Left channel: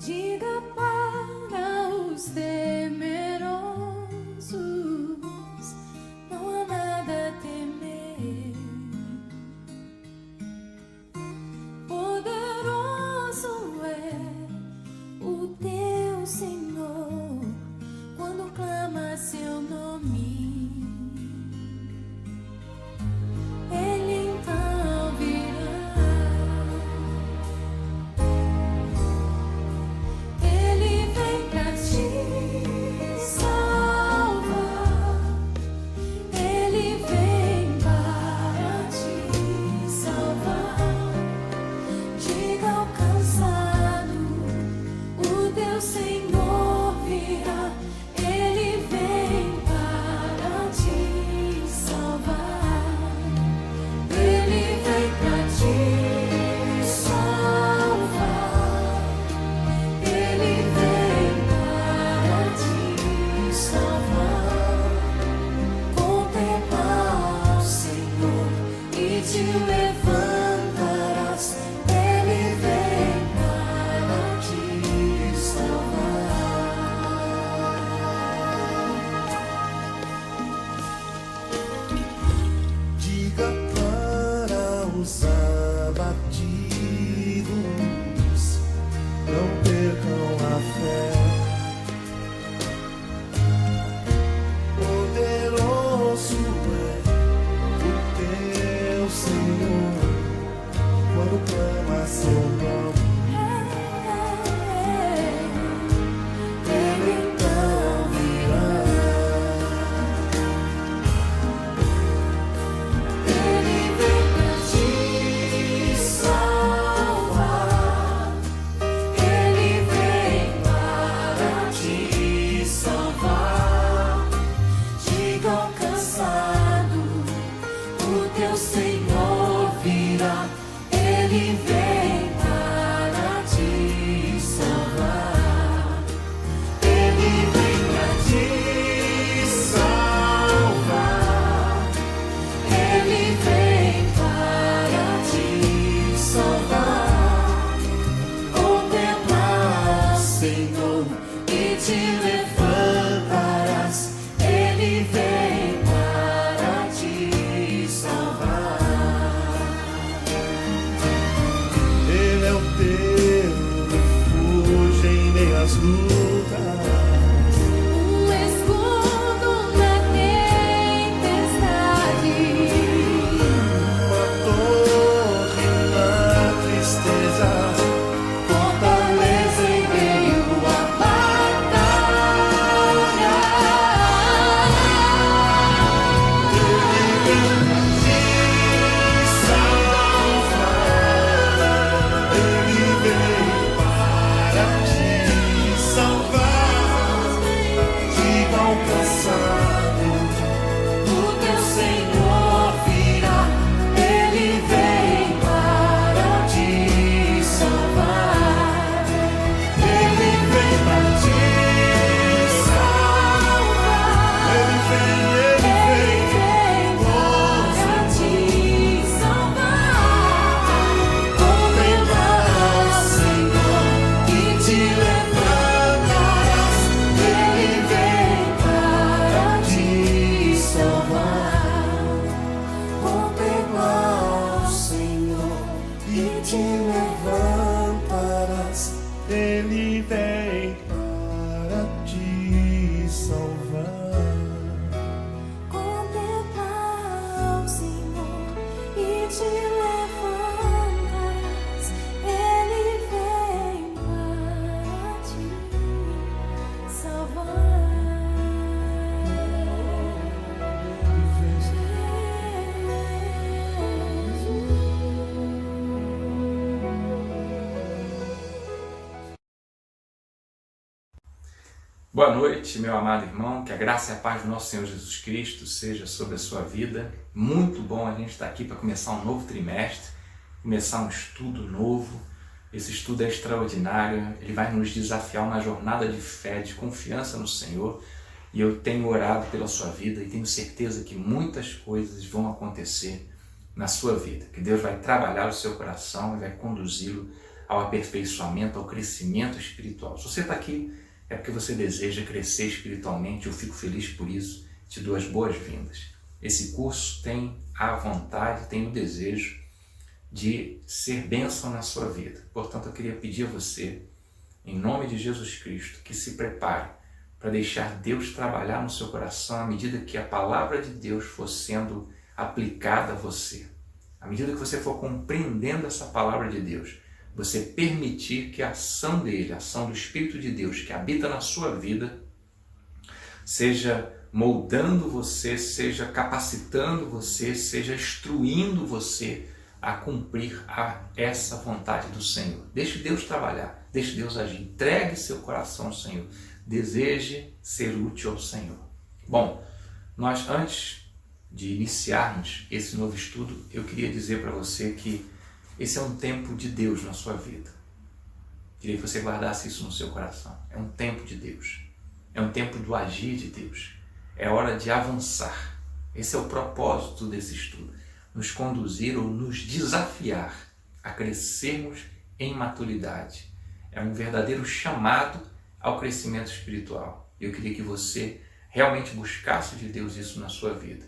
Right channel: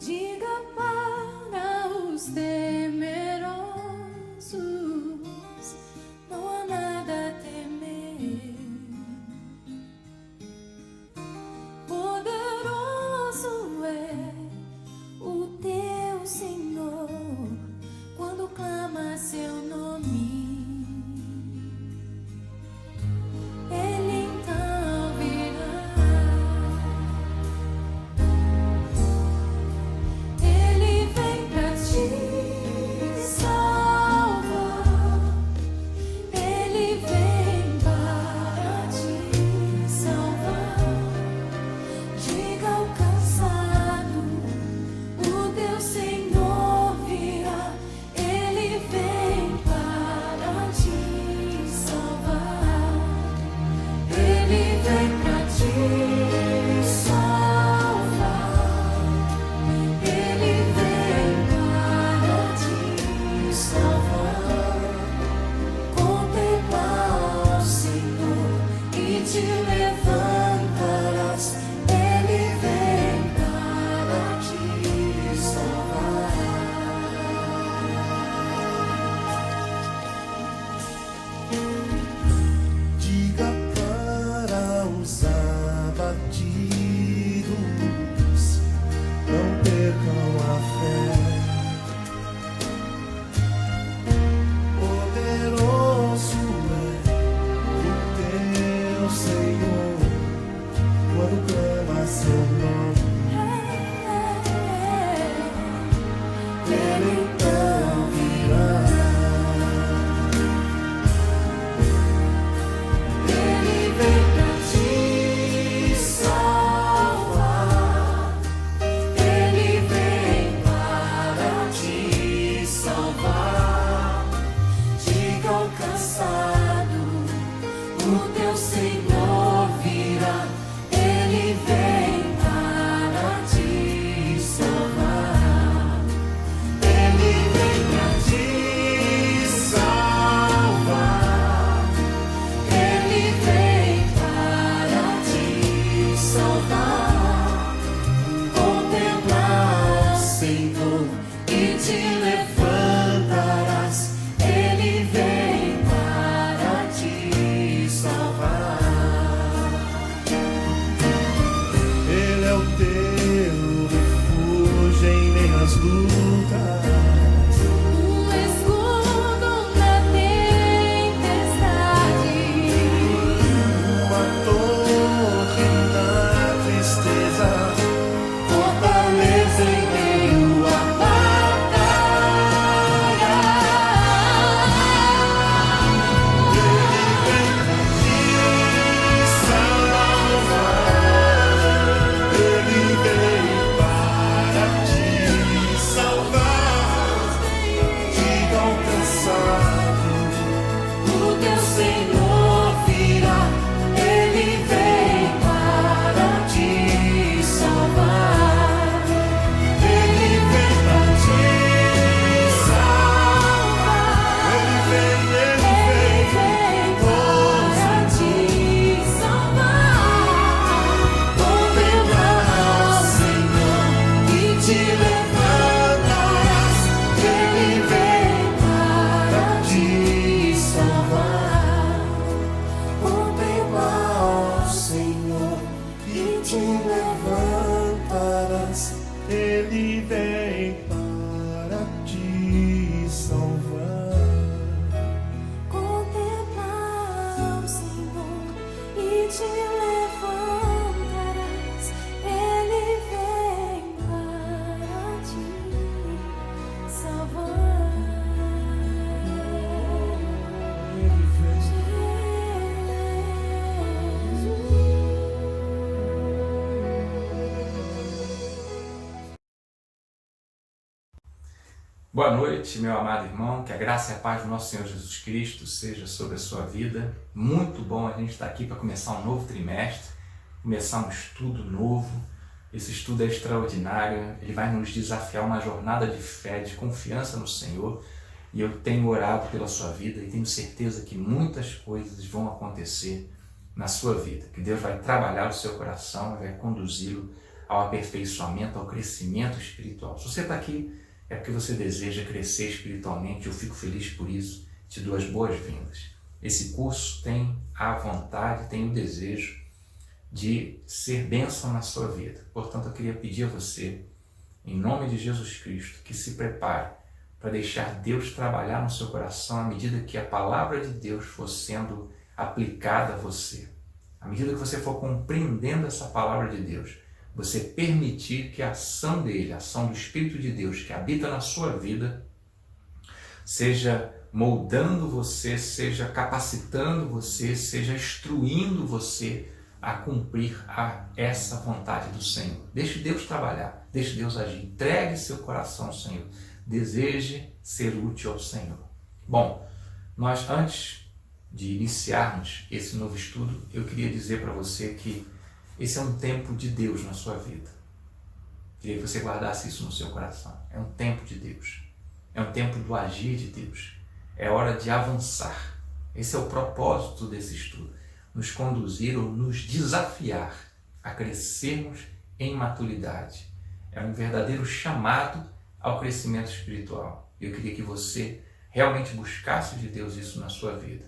Diga para os temerosos, não há nada a temer. Poderoso é o teu Senhor quando clama seu nome. Ele então virá. Ele vem pra te salvar. Ele vem para te salvar. Diga ao cansado, o teu Senhor virá. Ele vem para te salvar. Ele vem pra te salvar. Ele vem para te salvar. Contempla o Senhor e te levantarás. Ele vem para te salvar. Diga para os abatidos, não percam a fé. Poderoso é o teu Senhor quando clama seu nome. Ele então virá. Ele vem pra te salvar. Ele vem para te salvar. Diga ao cansado, o teu Senhor virá. Ele vem para te salvar. Ele vem pra te salvar. Ele vem para te salvar. Contempla o Senhor e te levantarás. Ele vem para te salvar. Ele é o teu refúgio em meio às lutas. Um escudo na tempestade. Uma torre na tristeza, Fortaleza em meio à batalha. Ele vem pra te salvar. Ele vem para te salvar. Diga ao cansado, O teu Senhor virá. Ele vem para te salvar. ele vem pra te salvar. Ele vem para te salvar. Contempla o Senhor e te levantarás. Ele vem para te salvar. Contempla o Senhor e te levantarás. Ele vem para te salvar. Contempla o Senhor e te levantarás. Ele vem para te salvar. Boa noite, meu amado irmão, que a graça e a paz do nosso Senhor Jesus Cristo seja sobre a sua vida. Muito bom a gente estar aqui para começar um novo trimestre, começar um estudo novo. Esse estudo é extraordinário, ele vai nos desafiar uma jornada de fé, de confiança no Senhor. E eu tenho orado pela sua vida e tenho certeza que muitas coisas vão acontecer na sua vida, que Deus vai trabalhar o seu coração e vai conduzi-lo ao aperfeiçoamento, ao crescimento espiritual. Se você está aqui, é porque você deseja crescer espiritualmente, eu fico feliz por isso, te dou as boas-vindas. Esse curso tem a vontade, tem o desejo de ser bênção na sua vida. Portanto, eu queria pedir a você, em nome de Jesus Cristo, que se prepare para deixar Deus trabalhar no seu coração à medida que a palavra de Deus for sendo aplicada a você. À medida que você for compreendendo essa palavra de Deus, você permitir que a ação dele, a ação do Espírito de Deus que habita na sua vida, seja moldando você, seja capacitando você, seja instruindo você a cumprir essa vontade do Senhor. Deixe Deus trabalhar, deixe Deus agir. Entregue seu coração ao Senhor. Deseje ser útil ao Senhor. Bom, nós antes de iniciarmos esse novo estudo, eu queria dizer para você que esse é um tempo de Deus na sua vida. Queria que você guardasse isso no seu coração. É um tempo de Deus. É um tempo do agir de Deus. É hora de avançar. Esse é o propósito desse estudo. Nos conduzir ou nos desafiar a crescermos em maturidade. É um verdadeiro chamado ao crescimento espiritual. Eu queria que você realmente buscasse de Deus isso na sua vida.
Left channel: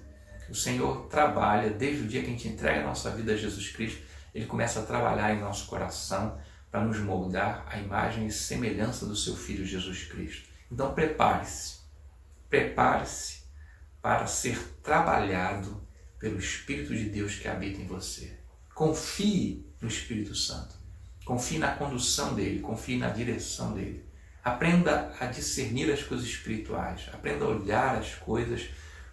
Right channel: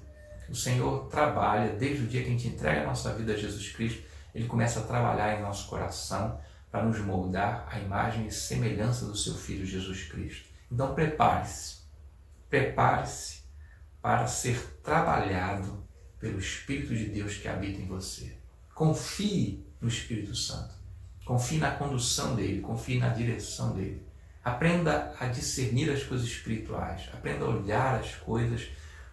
O Senhor trabalha desde o dia que a gente entrega a nossa vida a Jesus Cristo, Ele começa a trabalhar em nosso coração para nos moldar à imagem e semelhança do seu Filho Jesus Cristo. Então prepare-se para ser trabalhado pelo Espírito de Deus que habita em você. Confie no Espírito Santo, confie na condução dele, confie na direção dele. Aprenda a discernir as coisas espirituais, aprenda a olhar as coisas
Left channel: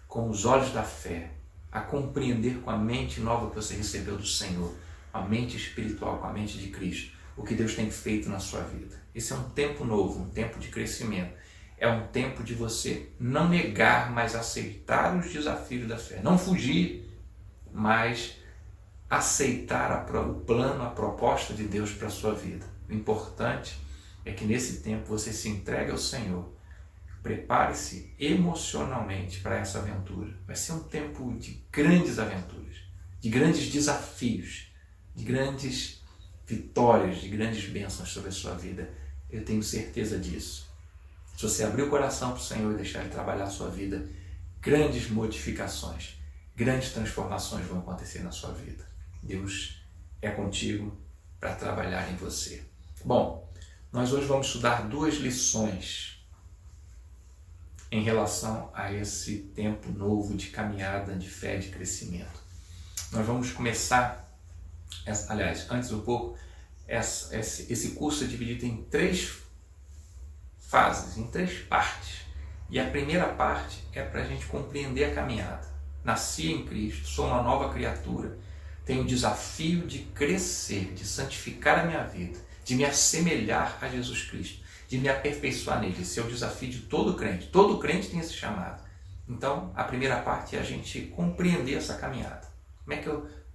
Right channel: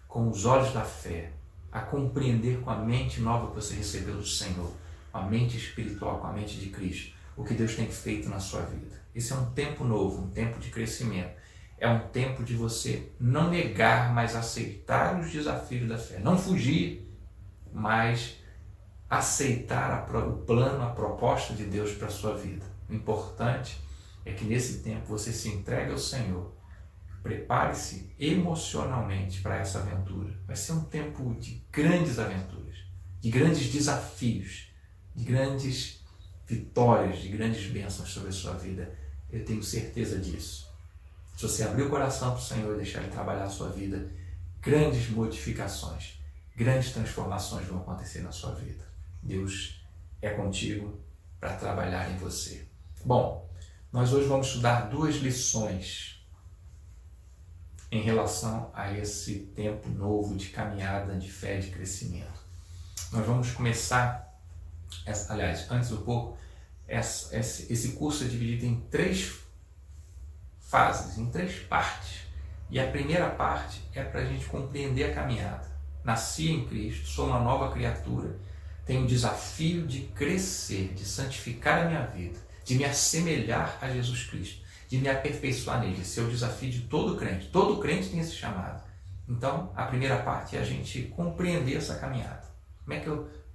com os olhos da fé, a compreender com a mente nova que você recebeu do Senhor, com a mente espiritual, com a mente de Cristo, o que Deus tem feito na sua vida. Esse é um tempo novo, um tempo de crescimento. É um tempo de você não negar, mas aceitar os desafios da fé. Não fugir, mas aceitar o plano, a proposta de Deus para a sua vida. O importante é que nesse tempo você se entregue ao Senhor. Prepare-se emocionalmente para essa aventura. Vai ser um tempo de grandes aventuras, de grandes desafios, de grandes vitórias, de grandes bênçãos sobre a sua vida. Eu tenho certeza disso. Se você abrir o coração para o Senhor e deixar Ele trabalhar a sua vida, grandes modificações, grandes transformações vão acontecer na sua vida. Deus é contigo para trabalhar em você. Bom, nós hoje vamos estudar 2 lições em relação a esse tempo novo de caminhada, de fé, de crescimento. Nós vamos começar, antes um pouco, esse curso é dividido em 3 fases, em 3 partes. E a primeira parte é para a gente compreender a caminhada. Nasci em Cristo, sou uma nova criatura, tenho o desafio de crescer, de santificar a minha vida, de me assemelhar a Jesus Cristo, de me aperfeiçoar nele. Esse é o desafio de todo crente. Todo crente tem esse chamado. Então, a primeira parte é a gente compreender essa caminhada.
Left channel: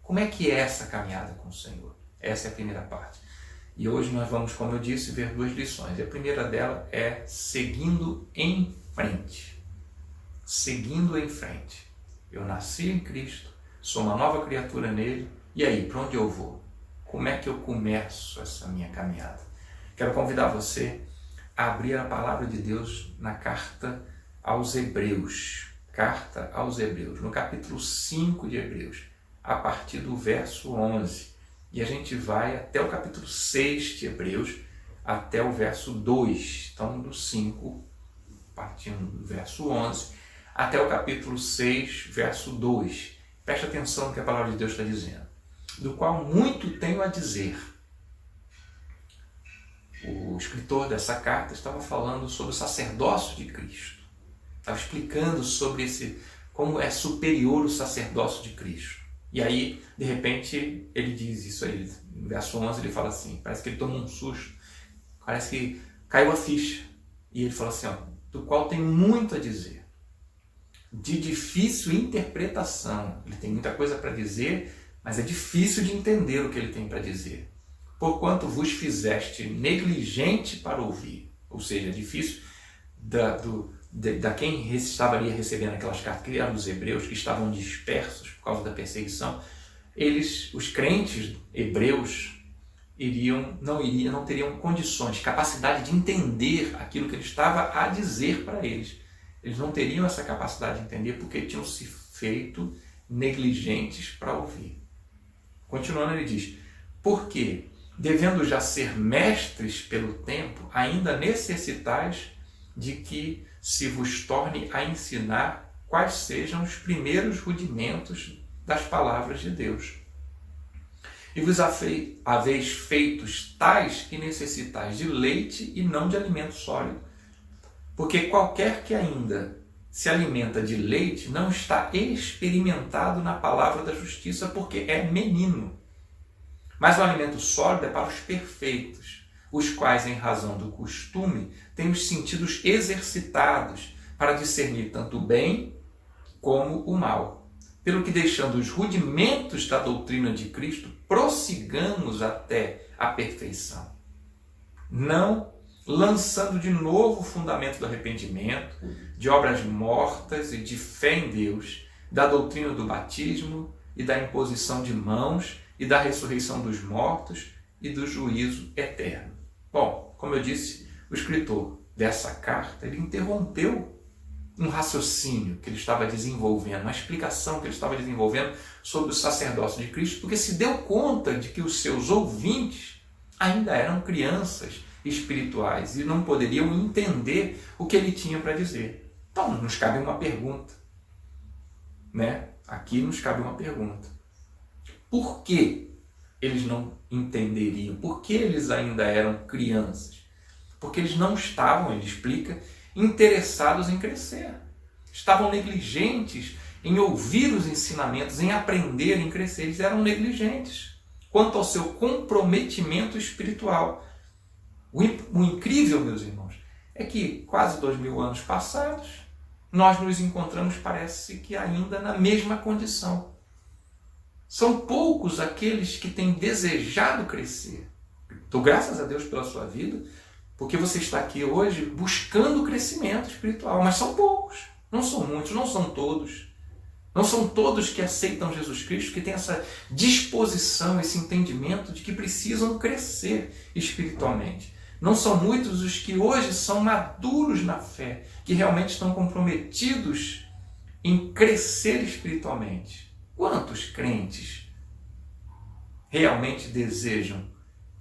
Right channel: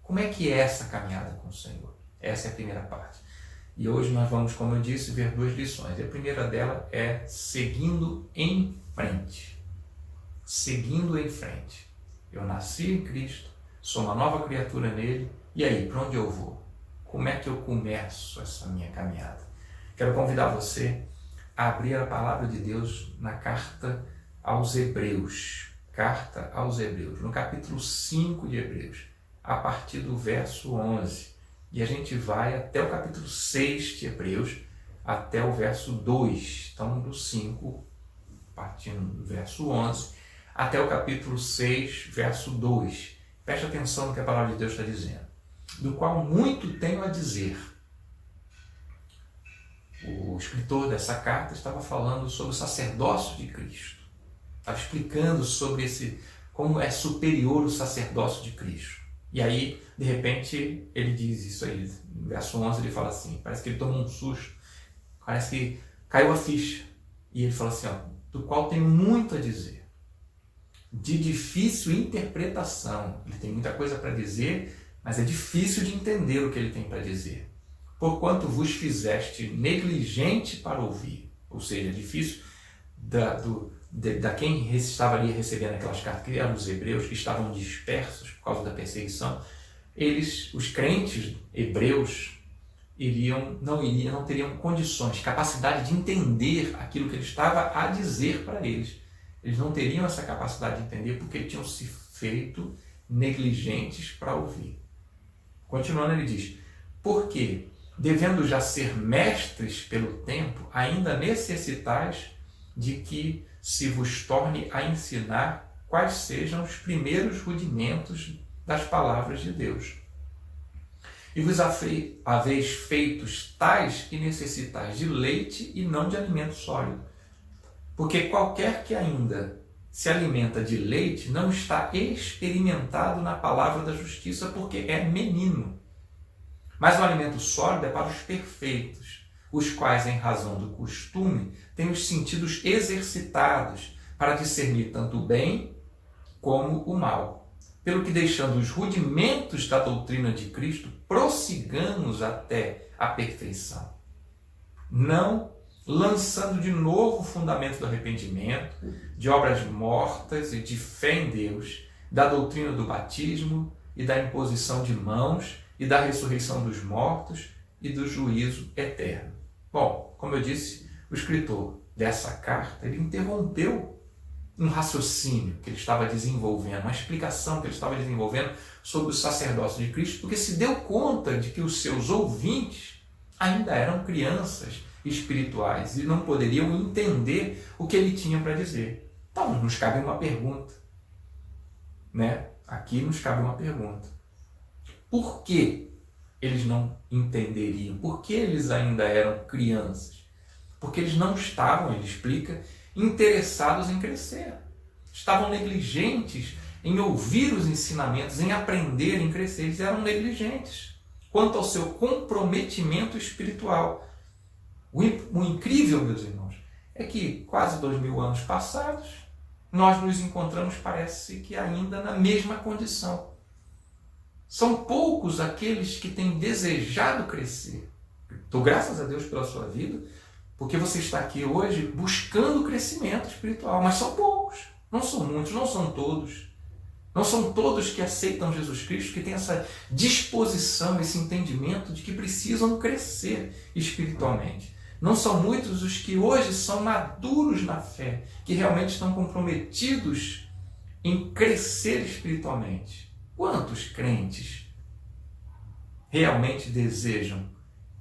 Como é que é essa caminhada com o Senhor? Essa é a primeira parte. E hoje nós vamos, como eu disse, ver 2 lições. A primeira dela é seguindo em frente. Seguindo em frente. Eu nasci em Cristo, sou uma nova criatura nele, e aí, para onde eu vou? Como é que eu começo essa minha caminhada? Quero convidar você a abrir a palavra de Deus na carta aos Hebreus. Carta aos Hebreus, no capítulo 5 de Hebreus, a partir do verso 11. E a gente vai até o capítulo 6 de Hebreus, até o verso 2. Então, do 5, partindo do verso 11, até o capítulo 6, verso 2. Preste atenção no que a palavra de Deus está dizendo. Do qual muito tenho a dizer. O escritor dessa carta estava falando sobre o sacerdócio de Cristo. Estava explicando sobre como é superior o sacerdócio de Cristo. E aí, de repente, ele diz isso aí. No verso 11 ele fala assim, parece que ele tomou um susto, parece que caiu a ficha. E ele fala assim, do qual tenho muito a dizer, de difícil interpretação. Ele tem muita coisa para dizer, mas é difícil de entender o que ele tem para dizer. Porquanto vos fizeste negligente para ouvir. Ou seja, é difícil da quem estava ali recebendo aquelas cartas, que eram os hebreus, que estavam dispersos por causa da perseguição. Os crentes hebreus, não teriam condições, capacidade de entender aquilo que ele estava a dizer para eles. Eles não teriam essa capacidade de entender porque tinham se feito negligentes para ouvir. Continuando, ele diz: porque, devendo já ser mestres pelo tempo, ainda necessitais de que se vos torne a ensinar quais sejam os primeiros rudimentos das palavras de Deus. E vos haveis feitos tais que necessitais de leite e não de alimento sólido. Porque qualquer que ainda se alimenta de leite não está experimentado na palavra da justiça, porque é menino. Mas o alimento sólido é para os perfeitos, os quais, em razão do costume, têm os sentidos exercitados para discernir tanto o bem como o mal. Pelo que, deixando os rudimentos da doutrina de Cristo, prossigamos até a perfeição, não lançando de novo o fundamento do arrependimento, de obras mortas e de fé em Deus, da doutrina do batismo e da imposição de mãos e da ressurreição dos mortos e do juízo eterno. Bom, como eu disse, o escritor dessa carta, ele interrompeu um raciocínio que ele estava desenvolvendo, uma explicação que ele estava desenvolvendo sobre o sacerdócio de Cristo, porque se deu conta de que os seus ouvintes ainda eram crianças espirituais e não poderiam entender o que ele tinha para dizer. Então, nos cabe uma pergunta, né? Aqui nos cabe uma pergunta. Por que eles não entenderiam? Por que eles ainda eram crianças? Porque eles não estavam, ele explica, interessados em crescer. Estavam negligentes em ouvir os ensinamentos, em aprender, em crescer. Eles eram negligentes quanto ao seu comprometimento espiritual. O incrível, meus irmãos, é que quase 2000 anos passados, nós nos encontramos, parece que ainda na mesma condição. São poucos aqueles que têm desejado crescer. Dou graças a Deus pela sua vida, porque você está aqui hoje buscando crescimento espiritual, mas são poucos, não são muitos, não são todos. Não são todos que aceitam Jesus Cristo, que têm essa disposição, esse entendimento de que precisam crescer espiritualmente. Não são muitos os que hoje são maduros na fé, que realmente estão comprometidos em crescer espiritualmente. Quantos crentes realmente desejam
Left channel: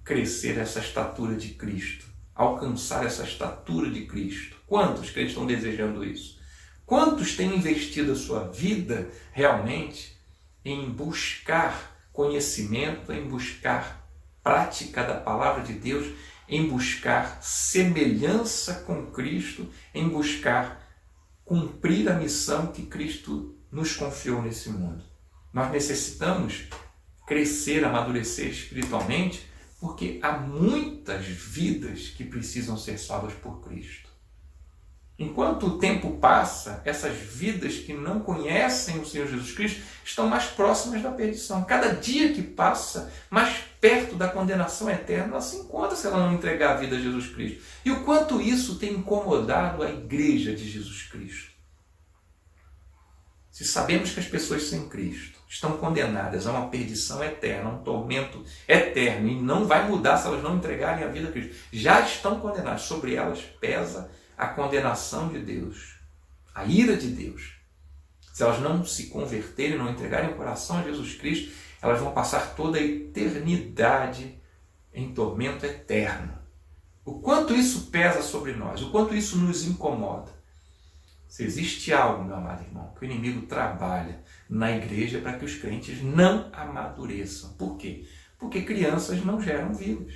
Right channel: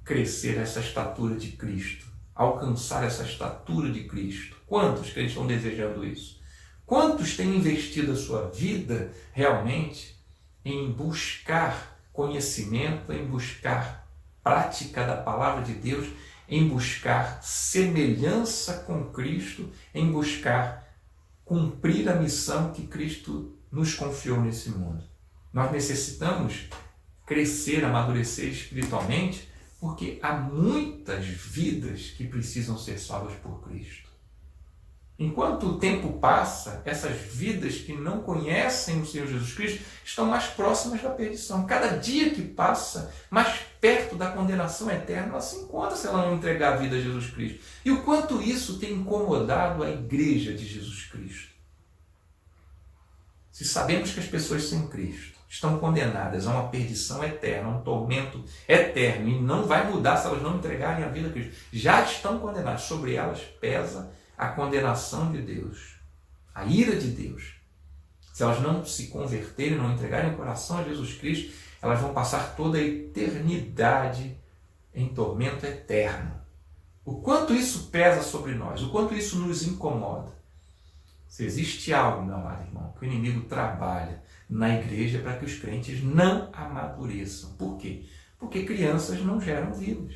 crescer essa estatura de Cristo? Alcançar essa estatura de Cristo? Quantos crentes estão desejando isso? Quantos têm investido a sua vida realmente em buscar conhecimento, em buscar prática da palavra de Deus, em buscar semelhança com Cristo, em buscar cumprir a missão que Cristo nos confiou nesse mundo? Nós necessitamos crescer, amadurecer espiritualmente, porque há muitas vidas que precisam ser salvas por Cristo. Enquanto o tempo passa, essas vidas que não conhecem o Senhor Jesus Cristo estão mais próximas da perdição. Cada dia que passa, mais perto da condenação eterna, ela se encontra se ela não entregar a vida a Jesus Cristo. E o quanto isso tem incomodado a igreja de Jesus Cristo. Se sabemos que as pessoas sem Cristo estão condenadas a uma perdição eterna, a um tormento eterno, e não vai mudar se elas não entregarem a vida a Cristo, já estão condenadas, sobre elas pesa a condenação de Deus, a ira de Deus. Se elas não se converterem, não entregarem o coração a Jesus Cristo, elas vão passar toda a eternidade em tormento eterno. O quanto isso pesa sobre nós, o quanto isso nos incomoda. Se existe algo, meu amado irmão, que o inimigo trabalha na igreja para que os crentes não amadureçam. Por quê? Porque crianças não geram vidas.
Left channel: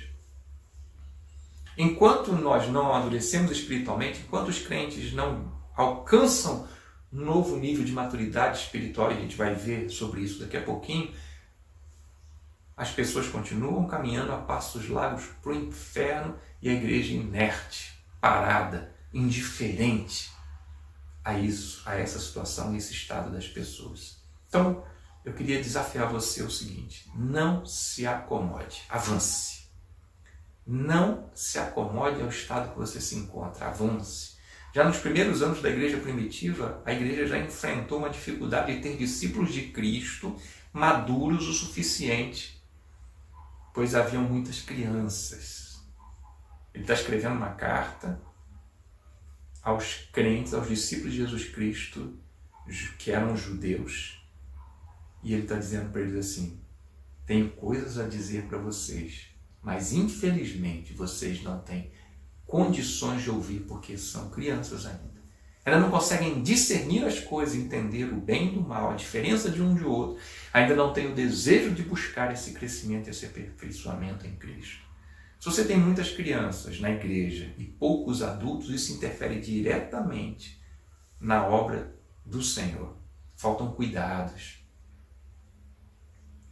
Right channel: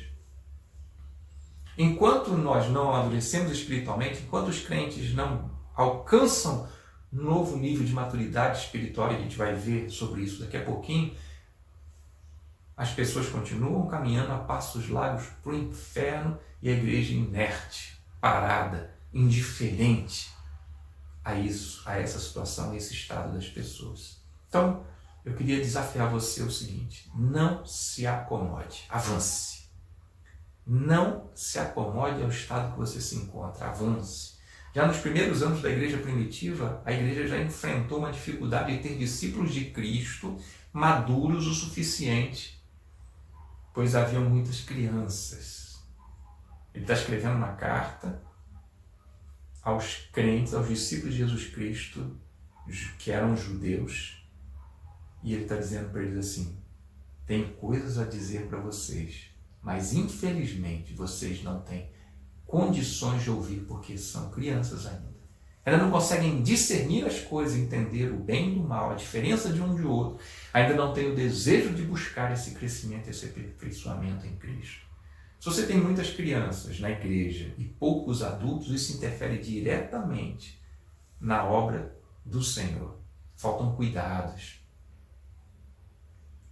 Enquanto nós não amadurecemos espiritualmente, enquanto os crentes não alcançam um novo nível de maturidade espiritual, e a gente vai ver sobre isso daqui a pouquinho, as pessoas continuam caminhando a passos largos para o inferno e a igreja inerte, parada, indiferente a isso, a essa situação, a esse estado das pessoas. Então, eu queria desafiar você o seguinte: não se acomode, avance. Não se acomode ao estado que você se encontra, avance. Já nos primeiros anos da igreja primitiva, a igreja já enfrentou uma dificuldade de ter discípulos de Cristo maduros o suficiente. pois haviam muitas crianças. Ele está escrevendo uma carta aos crentes, aos discípulos de Jesus Cristo, que eram judeus, e ele está dizendo para eles assim: tenho coisas a dizer para vocês, mas infelizmente vocês não têm condições de ouvir porque são crianças ainda. Elas não conseguem discernir as coisas, entender o bem e o mal, a diferença de um de outro. Ainda não têm o desejo de buscar esse crescimento, esse aperfeiçoamento em Cristo. Se você tem muitas crianças na igreja e poucos adultos, isso interfere diretamente na obra do Senhor. Faltam cuidados.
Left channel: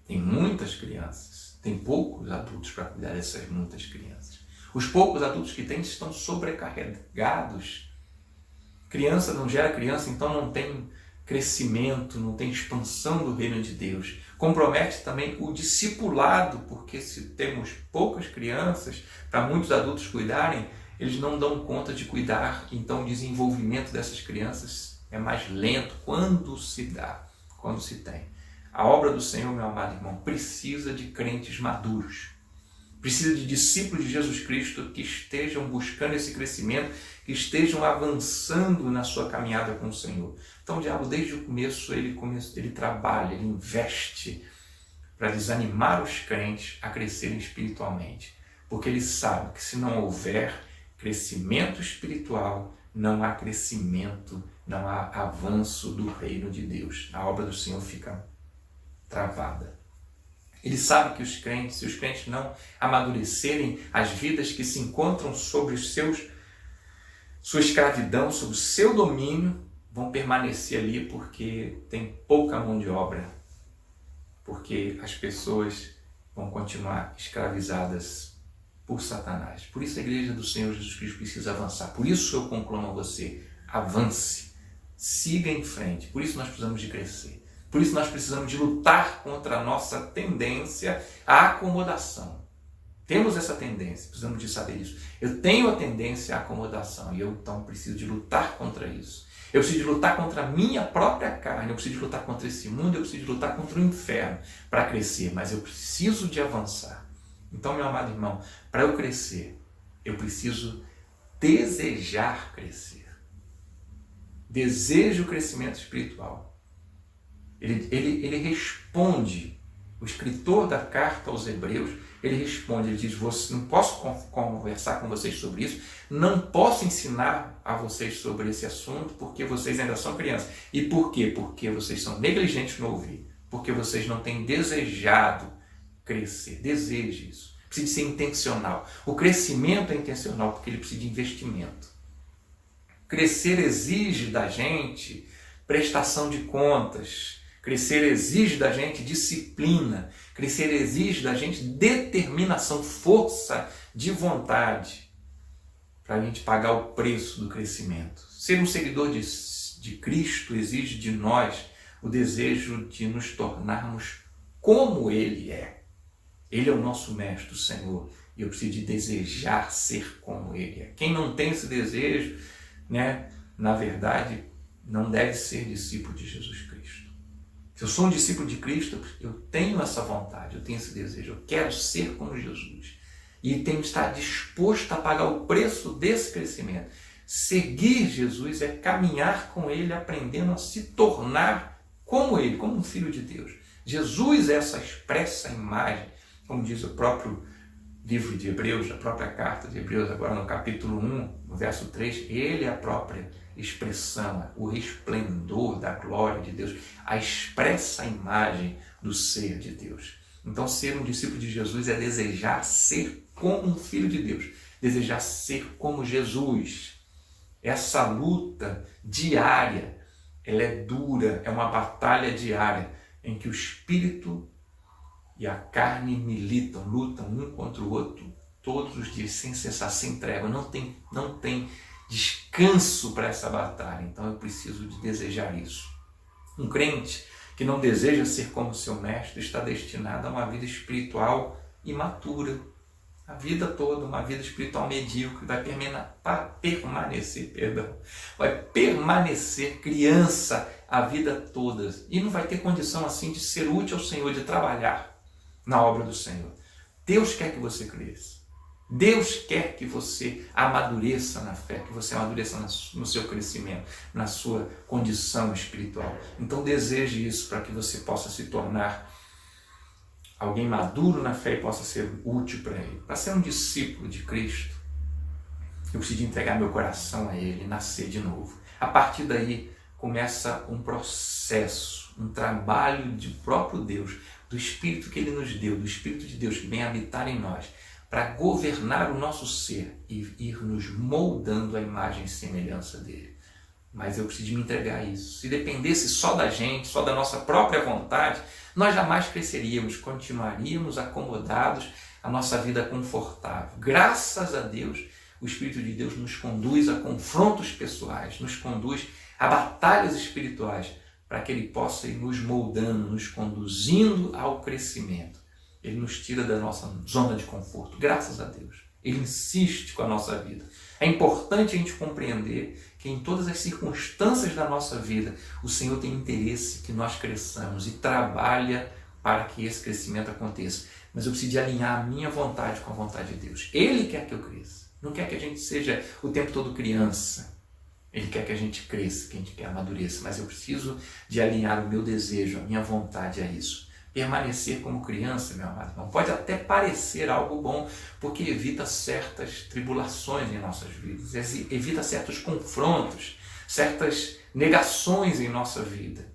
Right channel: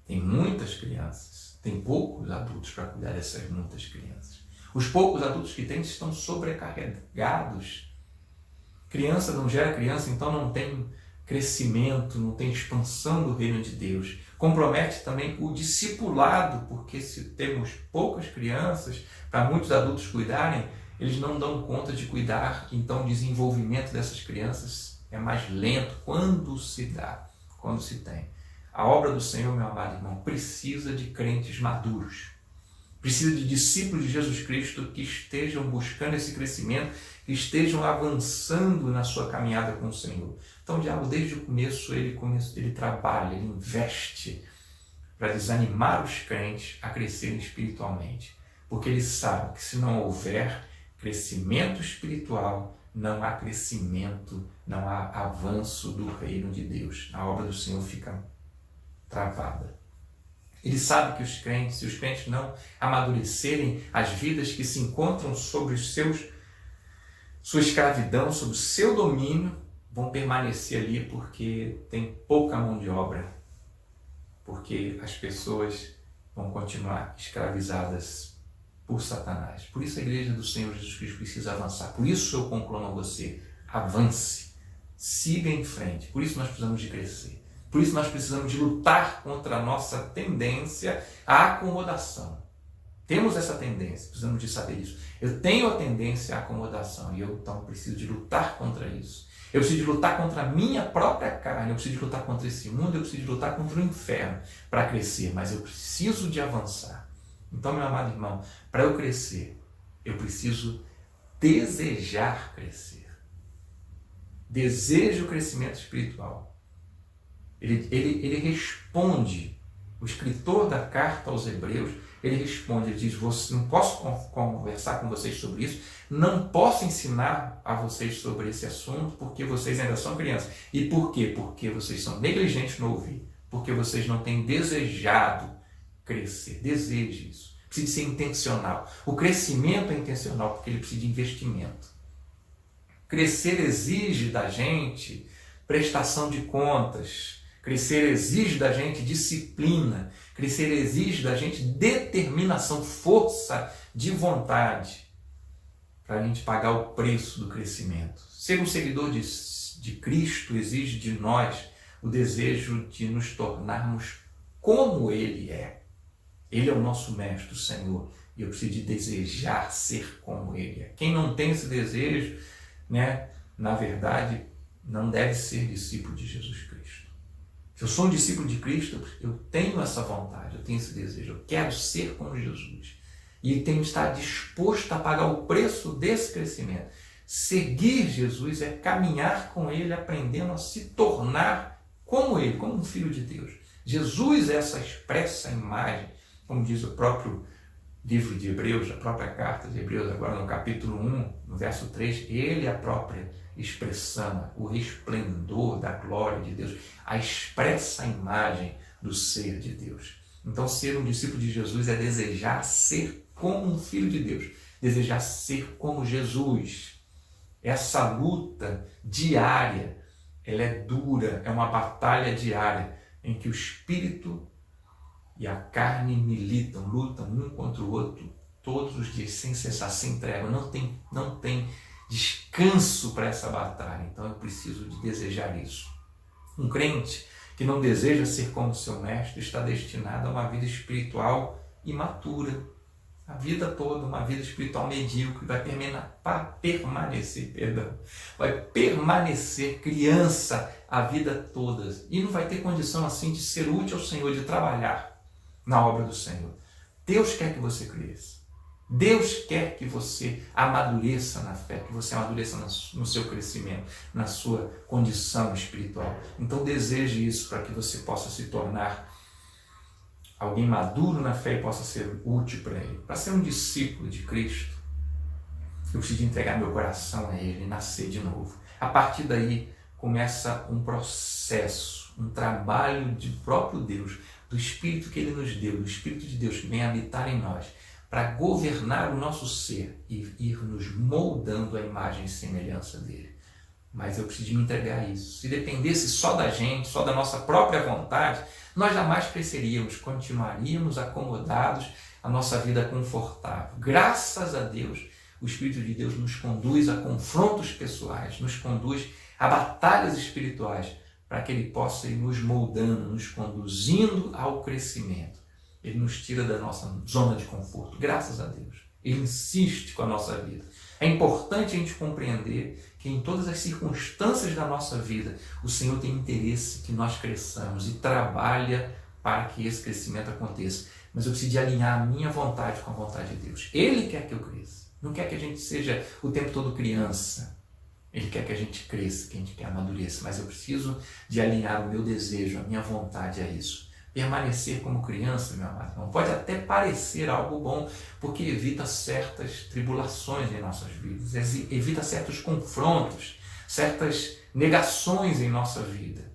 Tem muitas crianças, tem poucos adultos para cuidar dessas muitas crianças. Os poucos adultos que tem estão sobrecarregados. Criança não gera criança, então não tem crescimento, não tem expansão do reino de Deus. Compromete também o discipulado, porque se temos poucas crianças, para muitos adultos cuidarem, eles não dão conta de cuidar, então o desenvolvimento dessas crianças é mais lento quando se dá, quando se tem. A obra do Senhor, meu amado irmão, precisa de crentes maduros. Precisa de discípulos de Jesus Cristo que estejam buscando esse crescimento, que estejam avançando na sua caminhada com o Senhor. Então o diabo, desde o começo, ele trabalha, ele investe para desanimar os crentes a crescerem espiritualmente. Porque ele sabe que se não houver crescimento espiritual, não há crescimento, não há avanço do reino de Deus. A obra do Senhor fica travada. Ele sabe que os crentes, se os crentes não amadurecerem, as vidas que se encontram sobre sua escravidão, sobre o seu domínio, vão permanecer ali porque tem pouca mão de obra, porque as pessoas vão continuar escravizadas por Satanás. Por isso a igreja do Senhor Jesus Cristo precisa avançar. Por isso eu conclamo a você: avance, siga em frente. Por isso nós precisamos de crescer. Por isso nós precisamos de lutar contra a nossa tendência à acomodação. Temos essa tendência, precisamos de saber isso. Eu tenho a tendência à acomodação e eu então preciso de lutar contra isso. Eu preciso de lutar contra a minha própria carne, eu preciso de lutar contra esse mundo, eu preciso de lutar contra o inferno para crescer, mas eu preciso de avançar. Então, meu amado irmão, para eu crescer, eu preciso desejar crescer. Desejo o crescimento espiritual. Ele responde, o escritor da carta aos Hebreus, ele responde, ele diz: não posso conversar com vocês sobre isso, não posso ensinar a vocês sobre esse assunto, porque vocês ainda são crianças. E por quê? Porque vocês são negligentes no ouvir, porque vocês não têm desejado crescer. Deseje isso. Precisa ser intencional. O crescimento é intencional porque ele precisa de investimento. Crescer exige da gente prestação de contas. Crescer exige da gente disciplina. Crescer exige da gente determinação, força de vontade para a gente pagar o preço do crescimento. Ser um seguidor de Cristo exige de nós o desejo de nos tornarmos como Ele é. Ele é o nosso mestre, o Senhor, e eu preciso de desejar ser como Ele é. Quem não tem esse desejo, na verdade, não deve ser discípulo de Jesus Cristo. Se eu sou um discípulo de Cristo, eu tenho essa vontade, eu tenho esse desejo, eu quero ser como Jesus. E tenho que estar disposto a pagar o preço desse crescimento. Seguir Jesus é caminhar com Ele, aprendendo a se tornar como Ele, como um filho de Deus. Jesus é essa expressa imagem, como diz o próprio livro de Hebreus, a própria carta de Hebreus, agora no capítulo 1, no verso 3, Ele é a própria expressão, o resplendor da glória de Deus, a expressa imagem do ser de Deus. Então, ser um discípulo de Jesus é desejar ser como um filho de Deus, desejar ser como Jesus. Essa luta diária, ela é dura, é uma batalha diária, em que o Espírito e a carne lutam um contra o outro, todos os dias, sem cessar, sem trégua. Não tem descanso para essa batalha. Então eu preciso de desejar isso. Um crente que não deseja ser como seu mestre está destinado a uma vida espiritual imatura. A vida toda, uma vida espiritual medíocre, vai permanecer criança a vida toda. E não vai ter condição assim de ser útil ao Senhor, de trabalhar na obra do Senhor. Deus quer que você cresça. Deus quer que você amadureça na fé, que você amadureça no seu crescimento, na sua condição espiritual. Então deseje isso para que você possa se tornar alguém maduro na fé e possa ser útil para Ele. Para ser um discípulo de Cristo, eu preciso entregar meu coração a Ele, nascer de novo. A partir daí começa um processo, um trabalho de próprio Deus, do Espírito que Ele nos deu, do Espírito de Deus que vem habitar em nós, para governar o nosso ser e ir nos moldando à imagem e semelhança dele. Mas eu preciso me entregar a isso. Se dependesse só da gente, só da nossa própria vontade, nós jamais cresceríamos, continuaríamos acomodados, a nossa vida confortável. Graças a Deus, o Espírito de Deus nos conduz a confrontos pessoais, nos conduz a batalhas espirituais, para que Ele possa ir nos moldando, nos conduzindo ao crescimento. Ele nos tira da nossa zona de conforto, graças a Deus. Ele insiste com a nossa vida. É importante a gente compreender que em todas as circunstâncias da nossa vida, o Senhor tem interesse que nós cresçamos e trabalha para que esse crescimento aconteça. Mas eu preciso de alinhar a minha vontade com a vontade de Deus. Ele quer que eu cresça. Não quer que a gente seja o tempo todo criança. Ele quer que a gente cresça, que a gente quer amadureça. Mas eu preciso de alinhar o meu desejo, a minha vontade a isso. Permanecer como criança, meu amado irmão, pode até parecer algo bom, porque evita certas tribulações em nossas vidas, evita certos confrontos, certas negações em nossa vida.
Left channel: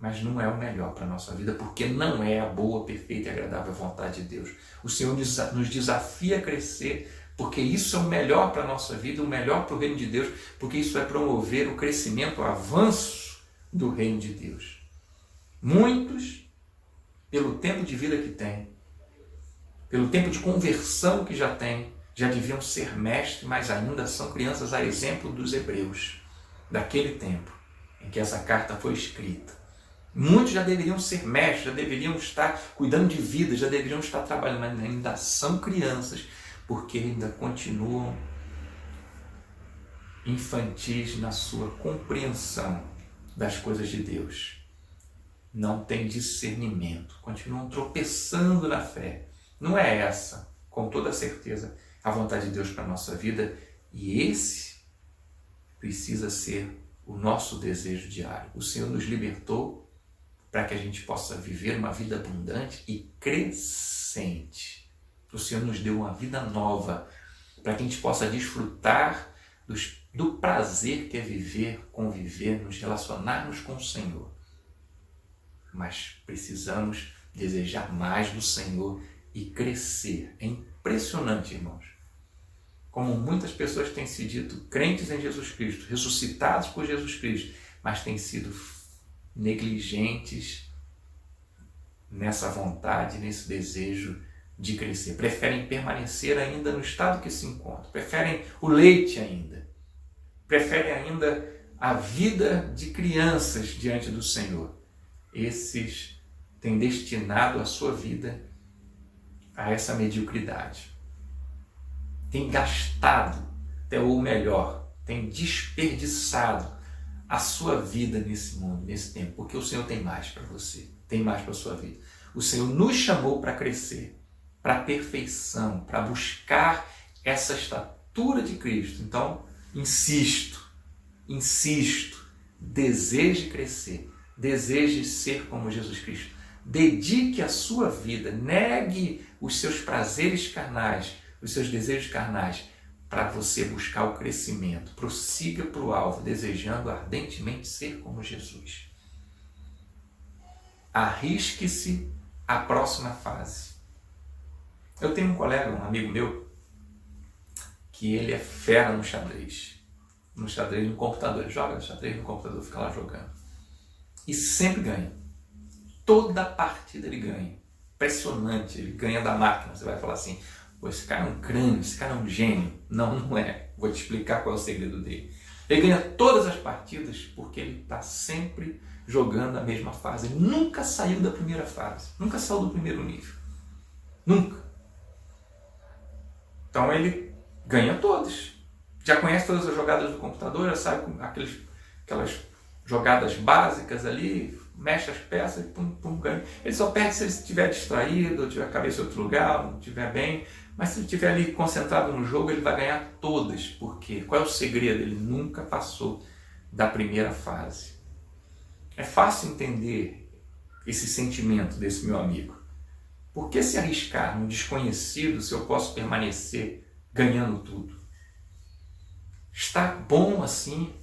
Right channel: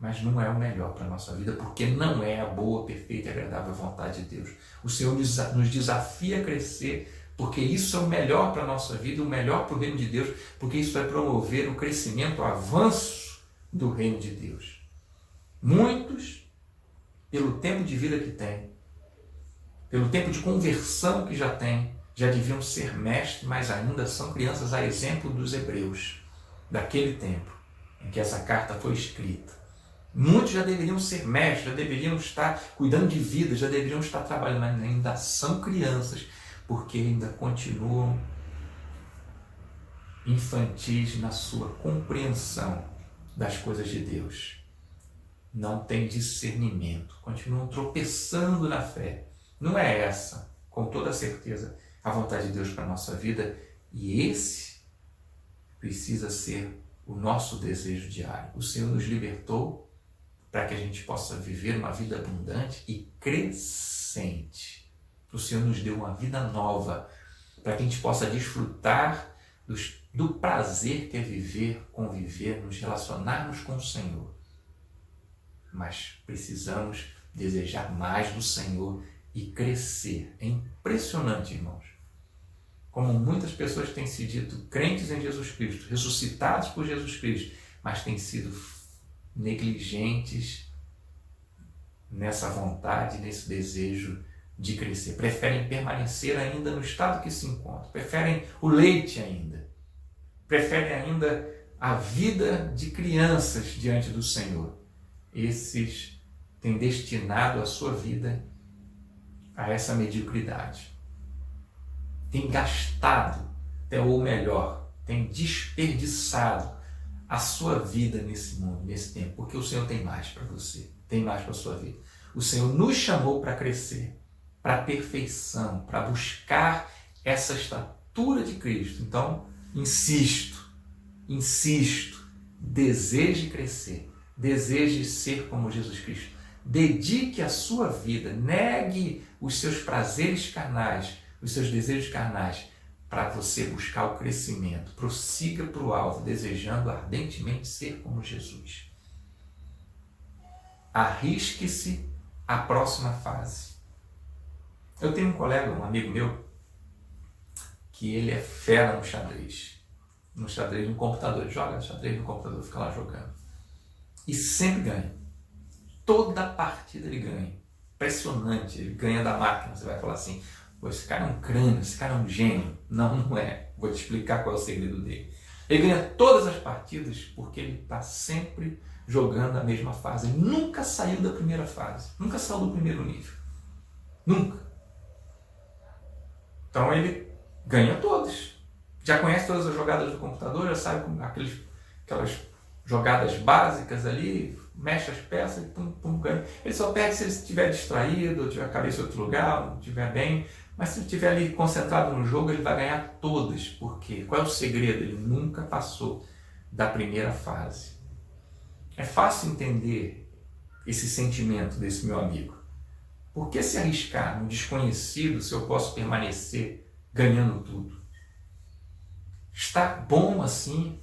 Mas não é o melhor para a nossa vida, porque não é a boa, perfeita e agradável vontade de Deus. O Senhor nos desafia a crescer, porque isso é o melhor para a nossa vida, o melhor para o reino de Deus, porque isso vai promover o crescimento, o avanço do reino de Deus. Muitos, pelo tempo de vida que tem, pelo tempo de conversão que já tem, já deviam ser mestres, mas ainda são crianças, a exemplo dos hebreus, daquele tempo em que essa carta foi escrita. Muitos já deveriam ser mestres, já deveriam estar cuidando de vida, já deveriam estar trabalhando, mas ainda são crianças, porque ainda continuam infantis na sua compreensão das coisas de Deus. Não tem discernimento, continuam tropeçando na fé. Não é essa, com toda certeza, a vontade de Deus para a nossa vida, e esse precisa ser o nosso desejo diário. O Senhor nos libertou para que a gente possa viver uma vida abundante e crescente. O Senhor nos deu uma vida nova para que a gente possa desfrutar do prazer que é viver, conviver, nos relacionarmos com o Senhor. Mas precisamos desejar mais do Senhor e crescer. É impressionante, irmãos, como muitas pessoas têm se dito crentes em Jesus Cristo, ressuscitados por Jesus Cristo, mas têm sido negligentes nessa vontade, nesse desejo de crescer. Preferem permanecer ainda no estado que se encontram, preferem o leite ainda, preferem ainda a vida de crianças diante do Senhor. Esses têm destinado a sua vida a essa mediocridade. Têm gastado, ou melhor, têm desperdiçado a sua vida nesse mundo, nesse tempo, porque o Senhor tem mais para você, tem mais para a sua vida. O Senhor nos chamou para crescer, para a perfeição, para buscar essa estatura de Cristo. Então, insisto, deseje crescer. Deseje ser como Jesus Cristo. Dedique a sua vida, negue os seus prazeres carnais, os seus desejos carnais, para você buscar o crescimento. Prossiga para o alvo, desejando ardentemente ser como Jesus. Arrisque-se à próxima fase. Eu tenho um colega, um amigo meu, que ele é fera no xadrez no computador. Ele joga xadrez no computador, fica lá jogando. E sempre ganha. Toda partida ele ganha. Impressionante, ele ganha da máquina. Você vai falar assim, pô, esse cara é um crânio, esse cara é um gênio. Não, não é. Vou te explicar qual é o segredo dele. Ele ganha todas as partidas porque ele está sempre jogando a mesma fase. Ele nunca saiu da primeira fase. Nunca saiu do primeiro nível. Nunca. Então ele ganha todas. Já conhece todas as jogadas do computador, já sabe aquelas jogadas básicas ali, mexe as peças, pum, pum, ganha. Ele só perde se ele estiver distraído, ou tiver a cabeça em outro lugar, não estiver bem. Mas se ele estiver ali concentrado no jogo, ele vai ganhar todas. Por quê? Qual é o segredo? Ele nunca passou da primeira fase. É fácil entender esse sentimento desse meu amigo. Por que se arriscar no desconhecido se eu posso permanecer ganhando tudo? Está bom assim.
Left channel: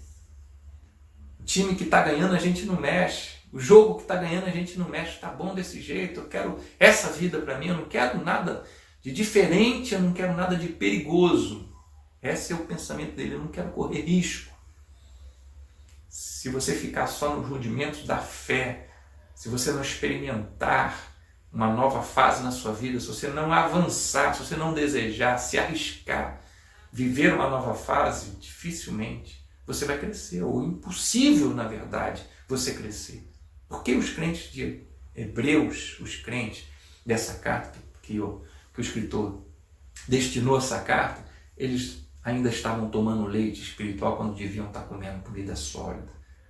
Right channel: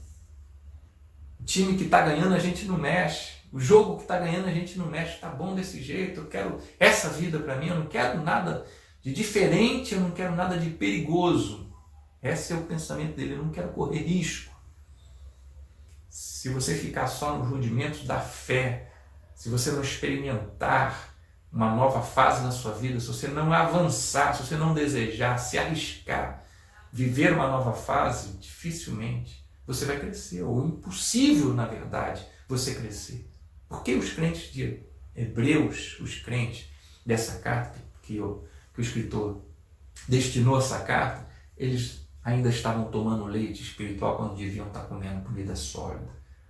O time que está ganhando a gente não mexe. O jogo que está ganhando a gente não mexe. Está bom desse jeito. Eu quero essa vida para mim. Eu não quero nada de diferente. Eu não quero nada de perigoso. Esse é o pensamento dele. Eu não quero correr risco. Se você ficar só nos rudimentos da fé, se você não experimentar uma nova fase na sua vida, se você não avançar, se você não desejar, se arriscar, viver uma nova fase, dificilmente você vai crescer, ou impossível, na verdade, você crescer. Porque os crentes de Hebreus, os crentes dessa carta que o escritor destinou essa carta, eles ainda estavam tomando leite espiritual quando deviam estar comendo comida sólida.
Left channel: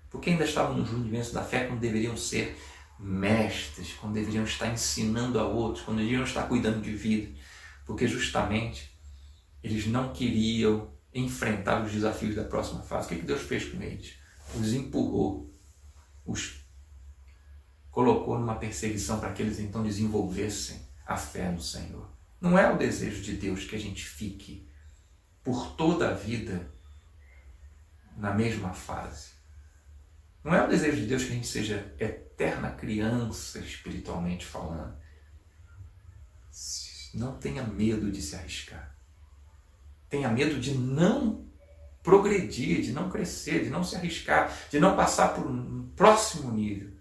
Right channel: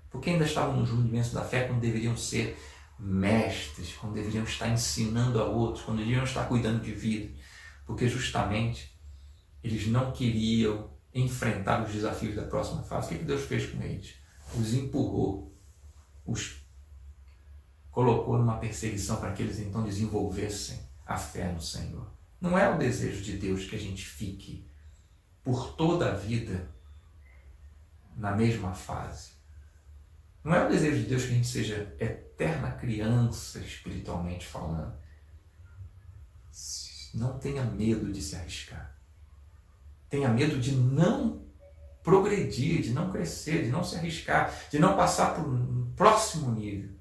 Porque ainda estavam nos rudimentos da fé quando deveriam ser mestres, quando deveriam estar ensinando a outros, quando deveriam estar cuidando de vida. Porque justamente eles não queriam enfrentar os desafios da próxima fase. O que Deus fez com eles? Os empurrou, os colocou numa perseguição para que eles então desenvolvessem a fé no Senhor. Não é o desejo de Deus que a gente fique por toda a vida na mesma fase. Não é o desejo de Deus que a gente seja eterna criança, espiritualmente falando. Não tenha medo de se arriscar. Tenha medo de não progredir, de não crescer, de não se arriscar, de não passar para um próximo nível.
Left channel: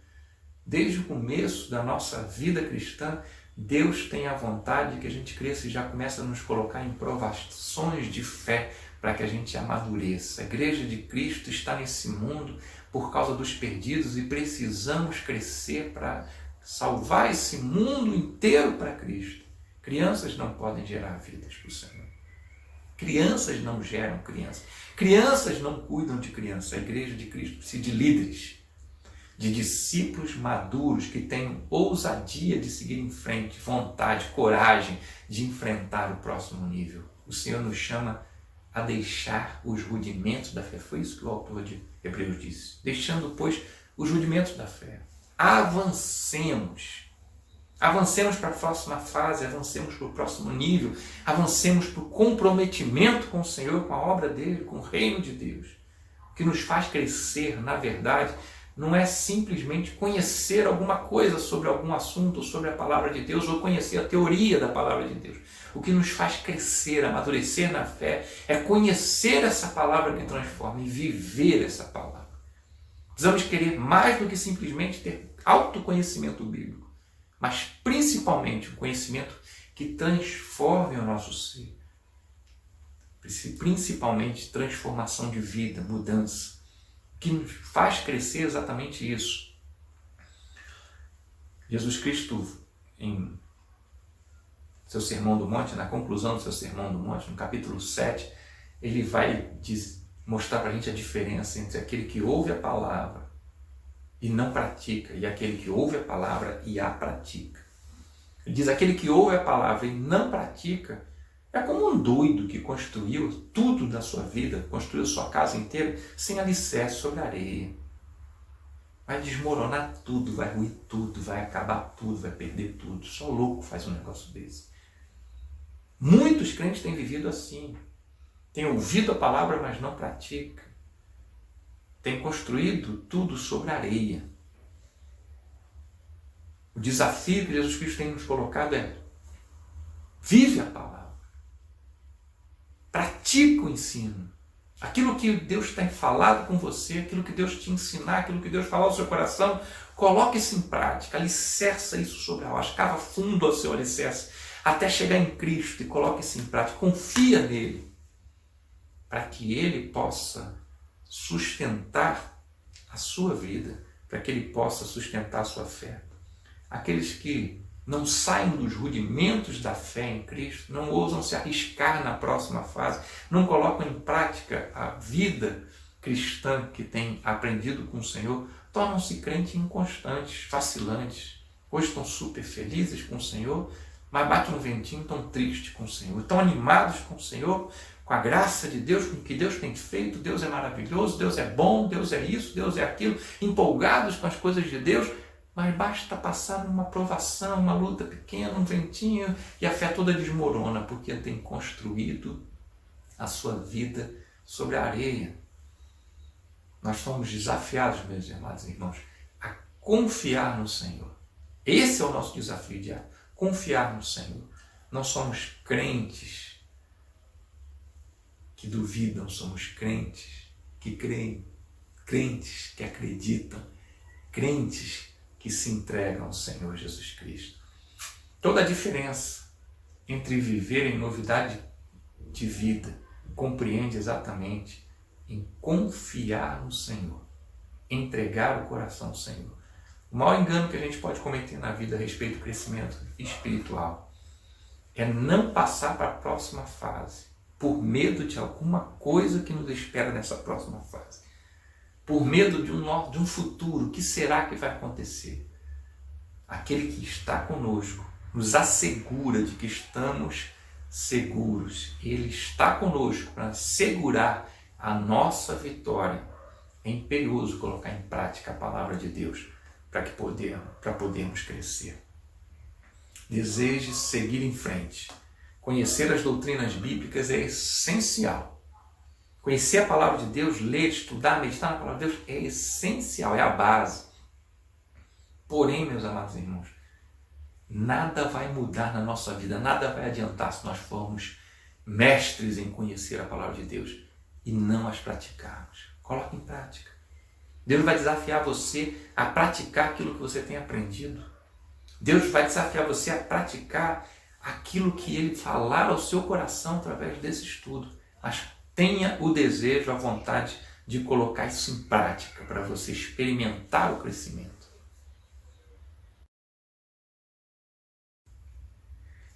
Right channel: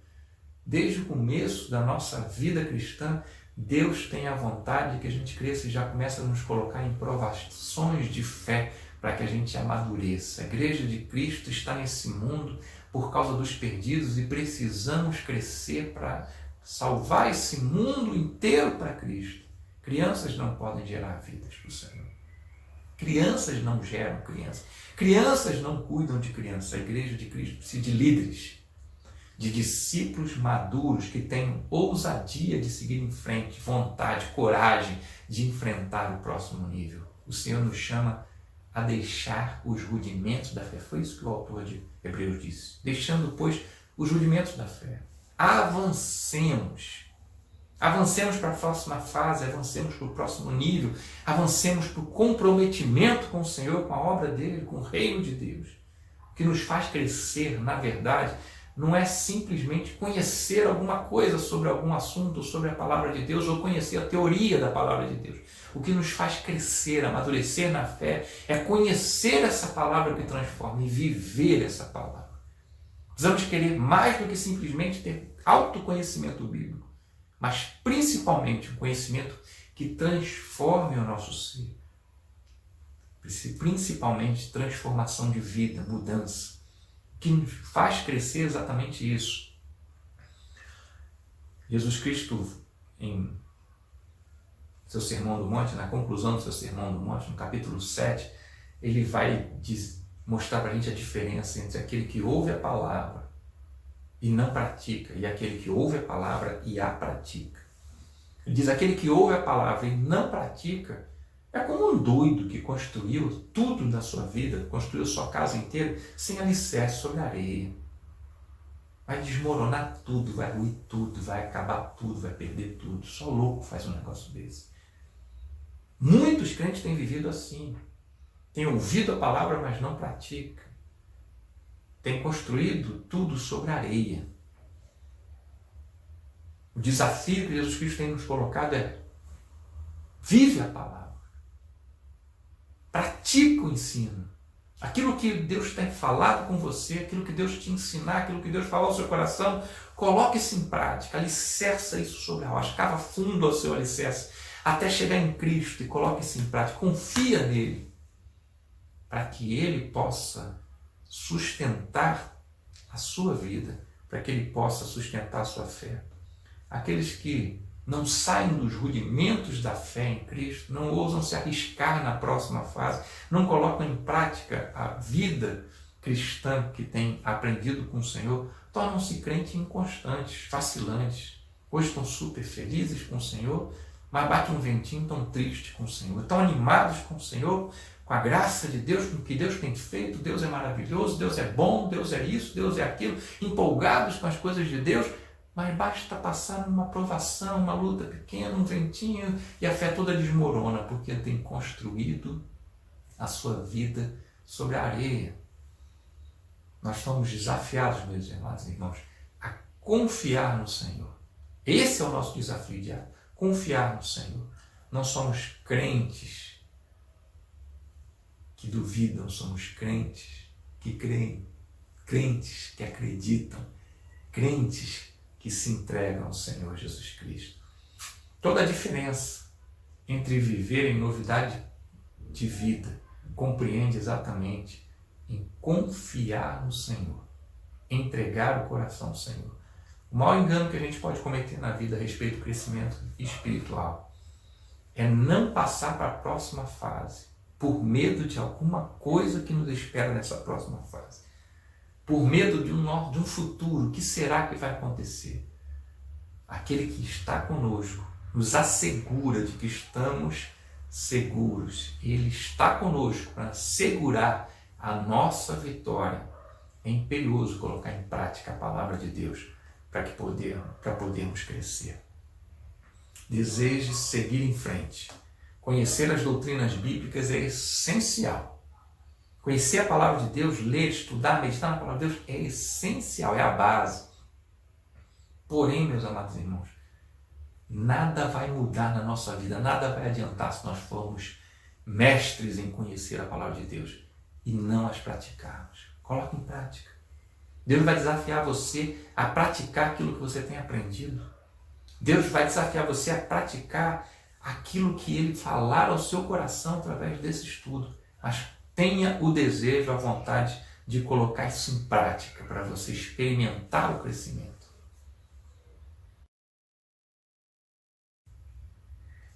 Desde o começo da nossa vida cristã, Deus tem a vontade de que a gente cresça e já começa a nos colocar em provações de fé para que a gente amadureça. A Igreja de Cristo está nesse mundo por causa dos perdidos e precisamos crescer para salvar esse mundo inteiro para Cristo. Crianças não podem gerar vidas para o Senhor. Crianças não geram crianças. Crianças não cuidam de crianças. A Igreja de Cristo precisa de líderes, de discípulos maduros que tenham ousadia de seguir em frente, vontade, coragem de enfrentar o próximo nível. O Senhor nos chama a deixar os rudimentos da fé. Foi isso que o autor de Hebreus disse. Deixando, pois, os rudimentos da fé. Avancemos. Avancemos para a próxima fase, avancemos para o próximo nível, avancemos para o comprometimento com o Senhor, com a obra dele, com o reino de Deus. O que nos faz crescer, na verdade, não é simplesmente conhecer alguma coisa sobre algum assunto, sobre a palavra de Deus, ou conhecer a teoria da palavra de Deus. O que nos faz crescer, amadurecer na fé, é conhecer essa palavra que transforma e viver essa palavra. Precisamos querer mais do que simplesmente ter autoconhecimento bíblico, mas principalmente um conhecimento que transforme o nosso ser. Principalmente transformação de vida, mudança. O que nos faz crescer é exatamente isso. Jesus Cristo, em seu Sermão do Monte, na conclusão do seu Sermão do Monte, no capítulo 7, ele vai mostrar para a gente a diferença entre aquele que ouve a palavra e não pratica, e aquele que ouve a palavra e a pratica. Ele diz, aquele que ouve a palavra e não pratica é como um doido que construiu tudo na sua vida, construiu sua casa inteira sem alicerce sobre areia. Vai desmoronar tudo, vai ruir tudo, vai acabar tudo, vai perder tudo. Só louco faz um negócio desse. Muitos crentes têm vivido assim. Têm ouvido a palavra, mas não praticam. Têm construído tudo sobre areia. O desafio que Jesus Cristo tem nos colocado é: vive a palavra. Pratica o ensino. Aquilo que Deus tem falado com você, aquilo que Deus te ensinar, aquilo que Deus falou ao seu coração, coloque isso em prática, alicerça isso sobre a rocha, cava fundo ao seu alicerce, até chegar em Cristo e coloque isso em prática, confia nele, para que ele possa sustentar a sua vida, para que ele possa sustentar a sua fé. Aqueles que não saem dos rudimentos da fé em Cristo, não ousam se arriscar na próxima fase, não colocam em prática a vida cristã que tem aprendido com o Senhor tornam-se crentes inconstantes, vacilantes. Hoje estão super felizes com o Senhor, mas bate um ventinho, tão triste com o Senhor. Estão animados com o Senhor, com a graça de Deus, com o que Deus tem feito. Deus é maravilhoso, Deus é bom, Deus é isso, Deus é aquilo. Empolgados com as coisas de Deus, mas basta passar numa provação, uma luta pequena, um ventinho, e a fé toda desmorona, porque ele tem construído a sua vida sobre a areia. Nós somos desafiados, meus amados irmãos, a confiar no Senhor. Esse é o nosso desafio diário, confiar no Senhor. Não somos crentes que duvidam, somos crentes que creem, crentes que acreditam, crentes que se entregam ao Senhor Jesus Cristo. Toda a diferença entre viver em novidade de vida compreende exatamente em confiar no Senhor, entregar o coração ao Senhor. O maior engano que a gente pode cometer na vida a respeito do crescimento espiritual é não passar para a próxima fase por medo de alguma coisa que nos espera nessa próxima fase. Por medo de um futuro, o que será que vai acontecer? Aquele que está conosco nos assegura de que estamos seguros. Ele está conosco para assegurar a nossa vitória. É imperioso colocar em prática a palavra de Deus para podermos crescer. Deseje seguir em frente. Conhecer as doutrinas bíblicas é essencial. Conhecer a palavra de Deus, ler, estudar, meditar na palavra de Deus é essencial, é a base. Porém, meus amados irmãos, nada vai mudar na nossa vida, nada vai adiantar se nós formos mestres em conhecer a palavra de Deus e não as praticarmos. Coloque em prática. Deus vai desafiar você a praticar aquilo que você tem aprendido. Deus vai desafiar você a praticar aquilo que Ele falar ao seu coração através desse estudo. Mas tenha o desejo, a vontade de colocar isso em prática para você experimentar o crescimento.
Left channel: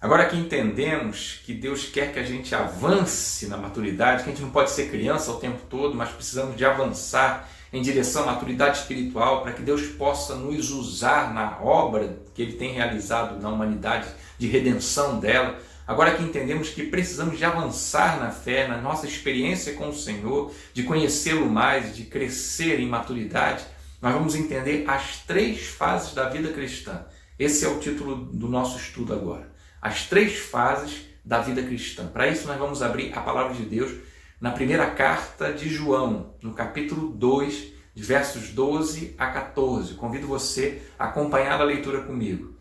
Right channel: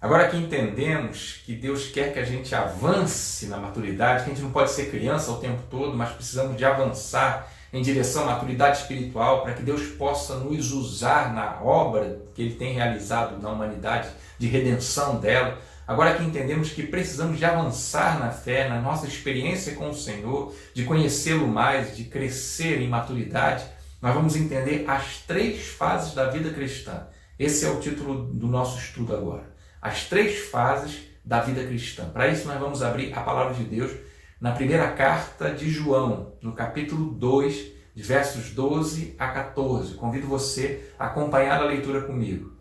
Agora que entendemos que Deus quer que a gente avance na maturidade, que a gente não pode ser criança o tempo todo, mas precisamos de avançar em direção à maturidade espiritual para que Deus possa nos usar na obra que Ele tem realizado na humanidade, de redenção dela. Agora que entendemos que precisamos de avançar na fé, na nossa experiência com o Senhor, de conhecê-lo mais, de crescer em maturidade, nós vamos entender as 3 fases da vida cristã. Esse é o título do nosso estudo agora. As 3 fases da vida cristã. Para isso nós vamos abrir a palavra de Deus na primeira carta de João, no capítulo 2, de versos 12 a 14. Convido você a acompanhar a leitura comigo.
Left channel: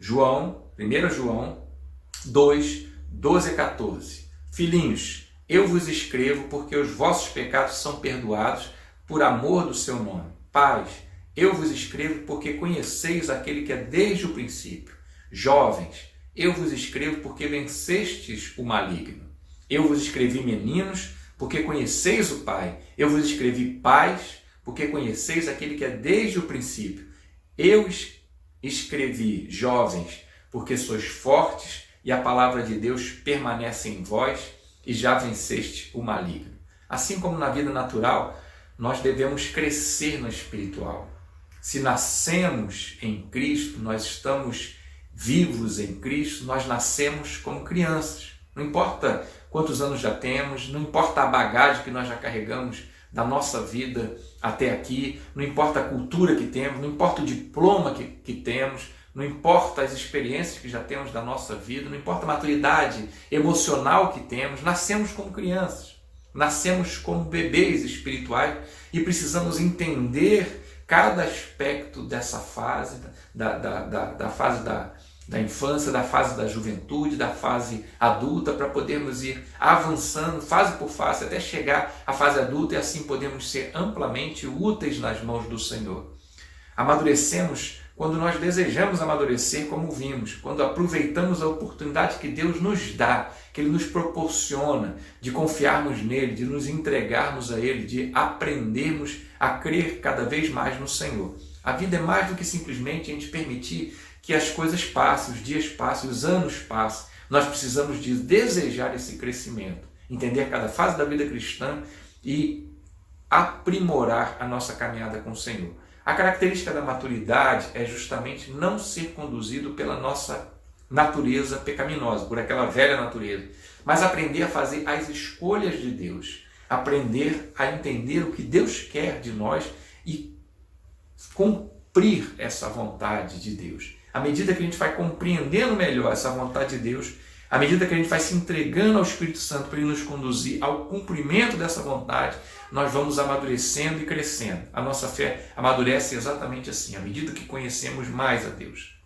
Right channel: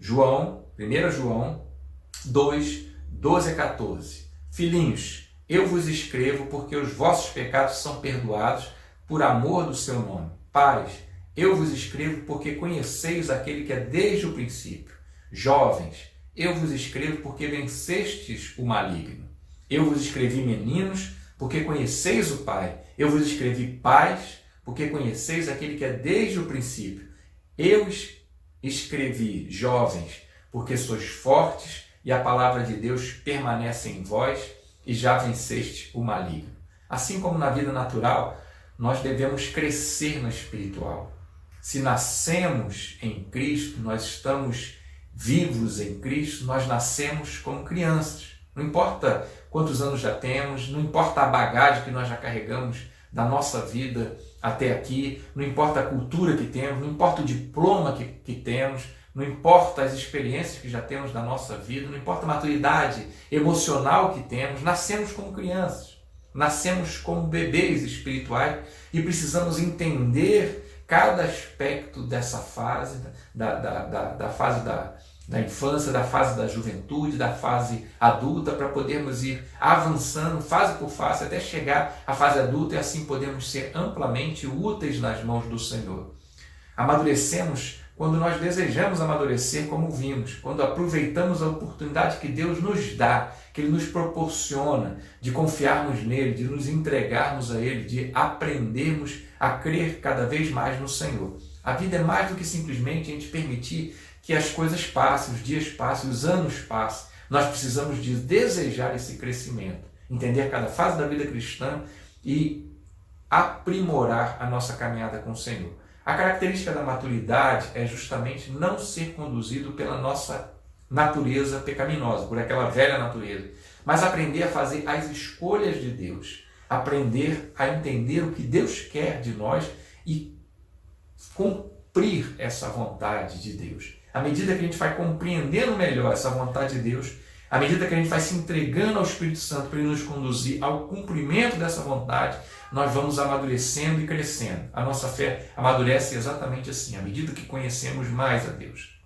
1 João 2, 12 a 14. Filhinhos, eu vos escrevo porque os vossos pecados são perdoados por amor do seu nome. Pais, eu vos escrevo porque conheceis aquele que é desde o princípio. Jovens, eu vos escrevo porque vencestes o maligno. Eu vos escrevi, meninos, porque conheceis o Pai. Eu vos escrevi, pais, porque conheceis aquele que é desde o princípio. Eu escrevi, jovens, porque sois fortes e a palavra de Deus permanece em vós e já venceste o maligno. Assim como na vida natural, nós devemos crescer no espiritual. Se nascemos em Cristo, nós estamos vivos em Cristo, nós nascemos como crianças. Não importa quantos anos já temos, não importa a bagagem que nós já carregamos da nossa vida até aqui, não importa a cultura que temos, não importa o diploma que temos, não importa as experiências que já temos da nossa vida, não importa a maturidade emocional que temos, nascemos como crianças, nascemos como bebês espirituais e precisamos entender cada aspecto dessa fase, da fase da infância, da fase da juventude, da fase adulta, para podermos ir avançando fase por fase até chegar à fase adulta e assim podemos ser amplamente úteis nas mãos do Senhor. Amadurecemos quando nós desejamos amadurecer como vimos, quando aproveitamos a oportunidade que Deus nos dá, que Ele nos proporciona de confiarmos nele, de nos entregarmos a Ele, de aprendermos a crer cada vez mais no Senhor. A vida é mais do que simplesmente a gente permitir que as coisas passem, os dias passem, os anos passem. Nós precisamos de desejar esse crescimento, entender cada fase da vida cristã e aprimorar a nossa caminhada com o Senhor. A característica da maturidade é justamente não ser conduzido pela nossa natureza pecaminosa, por aquela velha natureza, mas aprender a fazer as escolhas de Deus, aprender a entender o que Deus quer de nós e cumprir essa vontade de Deus. À medida que a gente vai compreendendo melhor essa vontade de Deus, à medida que a gente vai se entregando ao Espírito Santo para ele nos conduzir ao cumprimento dessa vontade, nós vamos amadurecendo e crescendo. A nossa fé amadurece exatamente assim, à medida que conhecemos mais a Deus.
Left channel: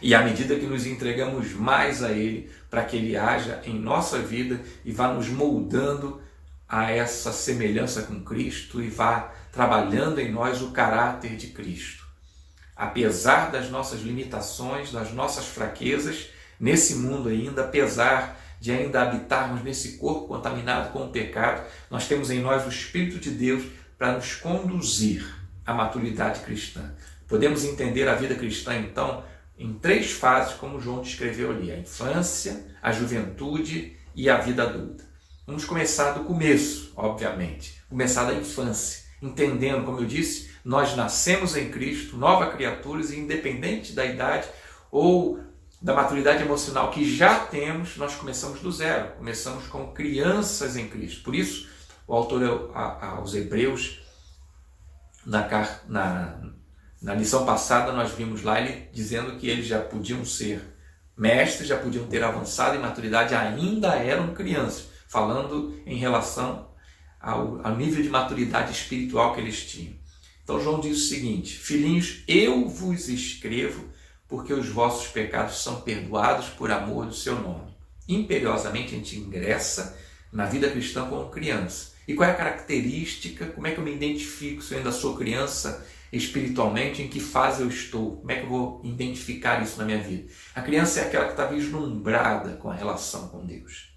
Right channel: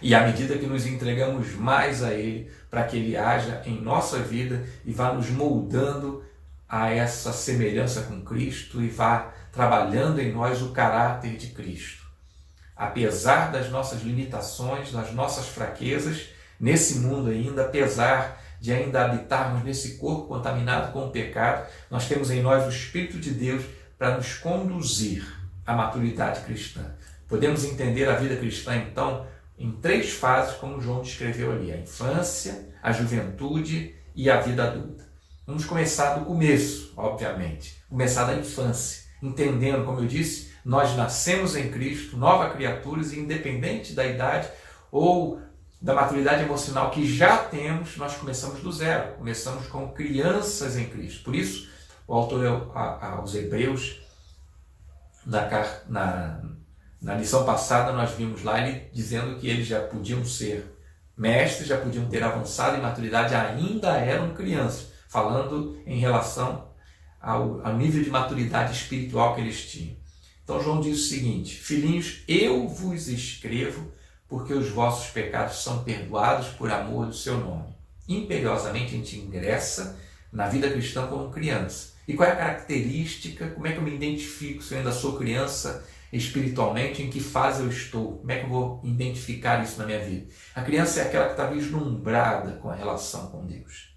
E à medida que nos entregamos mais a Ele, para que Ele haja em nossa vida e vá nos moldando a essa semelhança com Cristo e vá trabalhando em nós o caráter de Cristo. Apesar das nossas limitações, das nossas fraquezas, nesse mundo ainda, apesar de ainda habitarmos nesse corpo contaminado com o pecado, nós temos em nós o Espírito de Deus para nos conduzir à maturidade cristã. Podemos entender a vida cristã, então, em 3 fases, como João descreveu ali: a infância, a juventude e a vida adulta. Vamos começar do começo, obviamente, começar da infância, entendendo, como eu disse, nós nascemos em Cristo, novas criaturas, e independente da idade ou da maturidade emocional que já temos, nós começamos do zero, começamos como crianças em Cristo. Por isso, o autor aos Hebreus, na lição passada, nós vimos lá ele dizendo que eles já podiam ser mestres, já podiam ter avançado em maturidade, ainda eram crianças, falando em relação ao nível de maturidade espiritual que eles tinham. Então João diz o seguinte: filhinhos, eu vos escrevo porque os vossos pecados são perdoados por amor do seu nome. Imperiosamente a gente ingressa na vida cristã como criança. E qual é a característica? Como é que eu me identifico se eu ainda sou criança espiritualmente? Em que fase eu estou? Como é que eu vou identificar isso na minha vida? A criança é aquela que está vislumbrada com a relação com Deus.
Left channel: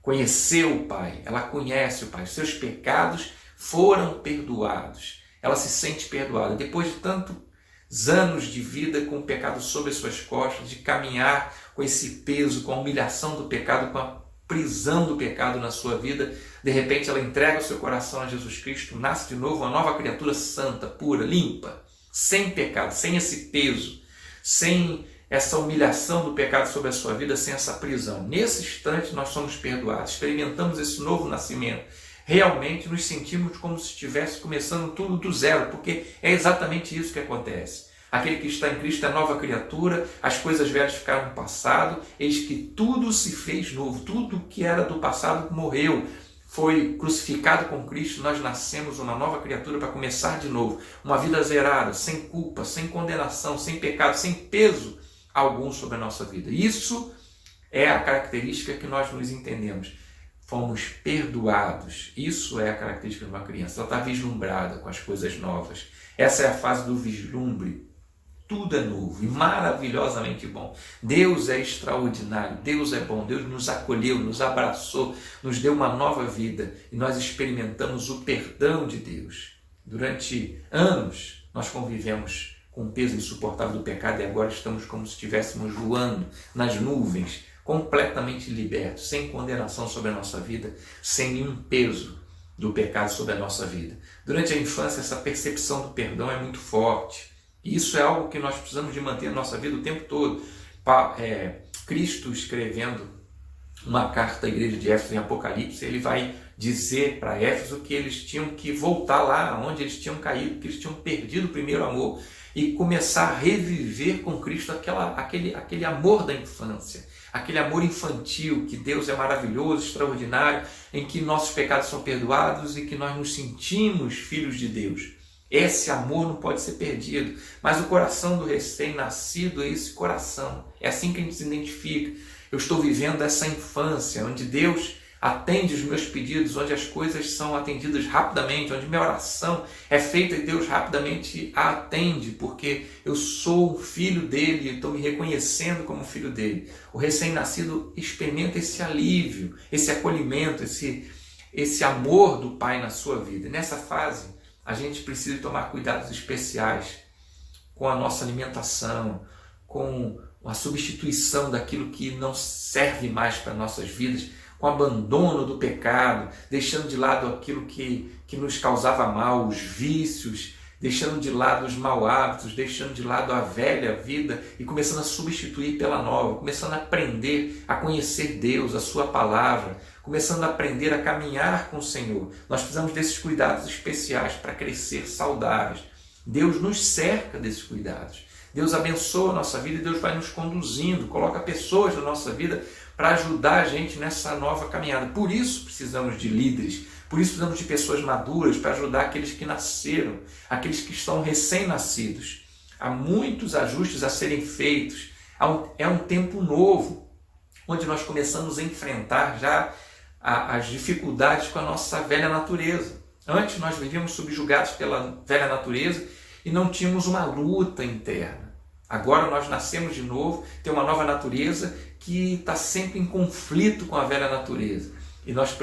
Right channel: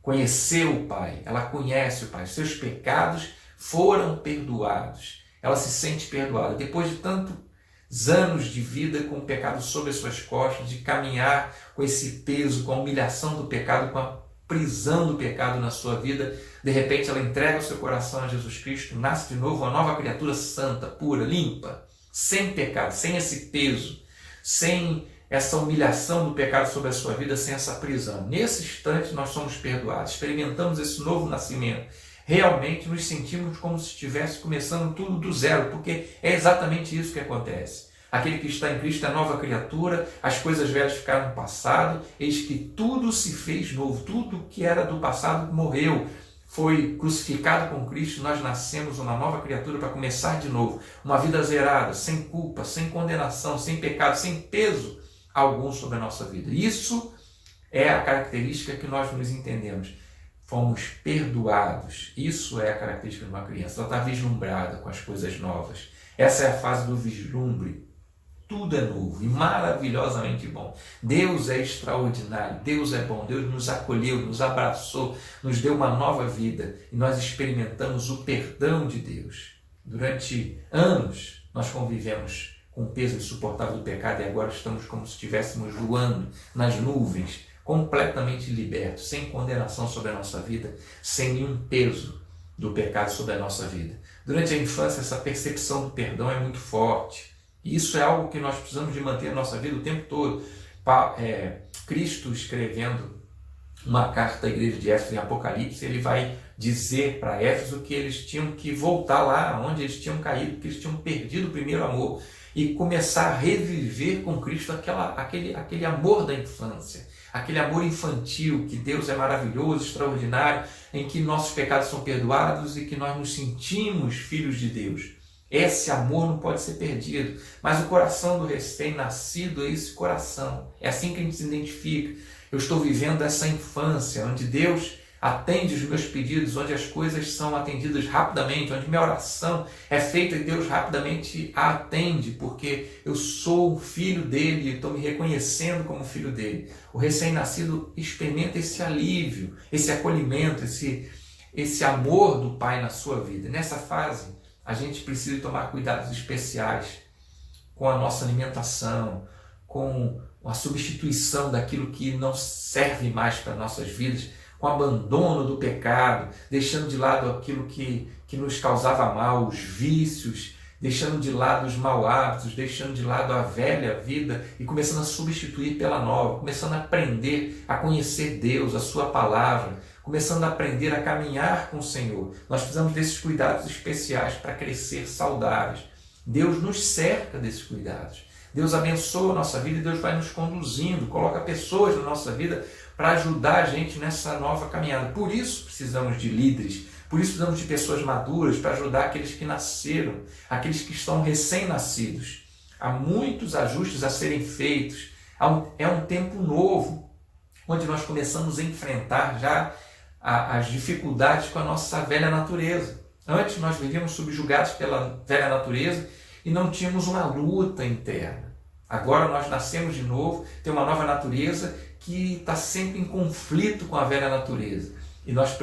Conheceu o Pai, ela conhece o Pai, os seus pecados foram perdoados. Ela se sente perdoada. Depois de tantos anos de vida com o pecado sobre as suas costas, de caminhar com esse peso, com a humilhação do pecado, com a prisão do pecado na sua vida, de repente ela entrega o seu coração a Jesus Cristo, nasce de novo uma nova criatura santa, pura, limpa, sem pecado, sem esse peso, sem essa humilhação do pecado sobre a sua vida, sem essa prisão. Nesse instante nós somos perdoados, experimentamos esse novo nascimento. Realmente nos sentimos como se estivesse começando tudo do zero, porque é exatamente isso que acontece. Aquele que está em Cristo é nova criatura, as coisas velhas ficaram no passado, eis que tudo se fez novo, tudo que era do passado morreu, foi crucificado com Cristo, nós nascemos uma nova criatura para começar de novo, uma vida zerada, sem culpa, sem condenação, sem pecado, sem peso algum sobre a nossa vida. Isso é a característica que nós nos entendemos. Fomos perdoados. Isso é a característica de uma criança. Ela está vislumbrada com as coisas novas. Essa é a fase do vislumbre. Tudo é novo e maravilhosamente bom. Deus é extraordinário. Deus é bom. Deus nos acolheu, nos abraçou, nos deu uma nova vida. E nós experimentamos o perdão de Deus. Durante anos, nós convivemos com o peso insuportável do pecado e agora estamos como se estivéssemos voando nas nuvens, completamente libertos, sem condenação sobre a nossa vida, sem nenhum peso do pecado sobre a nossa vida. Durante a infância, essa percepção do perdão é muito forte. E isso é algo que nós precisamos de manter na nossa vida o tempo todo. Cristo, escrevendo uma carta à igreja de Éfeso em Apocalipse, ele vai dizer para Éfeso que eles tinham que voltar lá onde eles tinham caído, que eles tinham perdido o primeiro amor e começar a reviver com Cristo aquele amor da infância. Aquele amor infantil, que Deus é maravilhoso, extraordinário, em que nossos pecados são perdoados e que nós nos sentimos filhos de Deus. Esse amor não pode ser perdido, mas o coração do recém-nascido é esse coração. É assim que a gente se identifica. Eu estou vivendo essa infância, onde Deus atende os meus pedidos, onde as coisas são atendidas rapidamente, onde minha oração é feita e Deus rapidamente a atende, porque eu sou um filho dele, estou me reconhecendo como filho dele. O recém-nascido experimenta esse alívio, esse acolhimento, esse amor do Pai na sua vida. E nessa fase, a gente precisa tomar cuidados especiais com a nossa alimentação, com a substituição daquilo que não serve mais para nossas vidas, com o abandono do pecado, deixando de lado aquilo que nos causava mal, os vícios, deixando de lado os mau hábitos, deixando de lado a velha vida e começando a substituir pela nova, começando a aprender a conhecer Deus, a sua palavra, começando a aprender a caminhar com o Senhor. Nós precisamos desses cuidados especiais para crescer saudáveis. Deus nos cerca desses cuidados. Deus abençoa a nossa vida e Deus vai nos conduzindo, coloca pessoas na nossa vida para ajudar a gente nessa nova caminhada. Por isso precisamos de líderes, por isso precisamos de pessoas maduras para ajudar aqueles que nasceram, aqueles que estão recém-nascidos. Há muitos ajustes a serem feitos. É um tempo novo, onde nós começamos a enfrentar já as dificuldades com a nossa velha natureza. Antes nós vivíamos subjugados pela velha natureza e não tínhamos uma luta interna. Agora nós nascemos de novo, tem uma nova natureza que está sempre em conflito com a velha natureza. E nós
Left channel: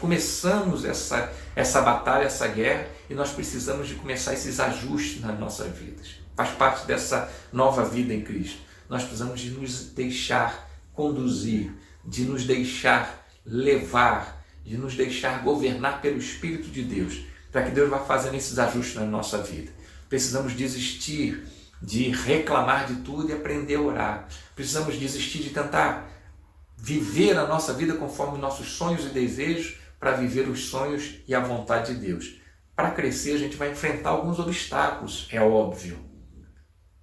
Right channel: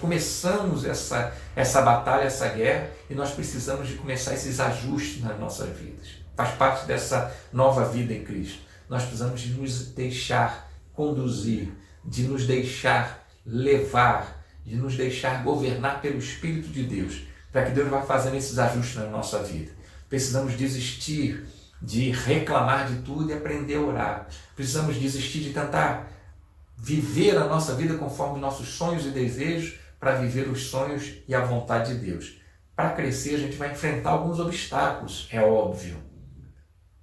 começamos essa batalha, essa guerra, e nós precisamos de começar esses ajustes nas nossas vidas. Faz parte dessa nova vida em Cristo. Nós precisamos de nos deixar conduzir, de nos deixar levar, de nos deixar governar pelo Espírito de Deus, para que Deus vá fazendo esses ajustes na nossa vida. Precisamos desistir de reclamar de tudo e aprender a orar. Precisamos desistir de tentar viver a nossa vida conforme nossos sonhos e desejos, para viver os sonhos e a vontade de Deus. Para crescer, a gente vai enfrentar alguns obstáculos, é óbvio.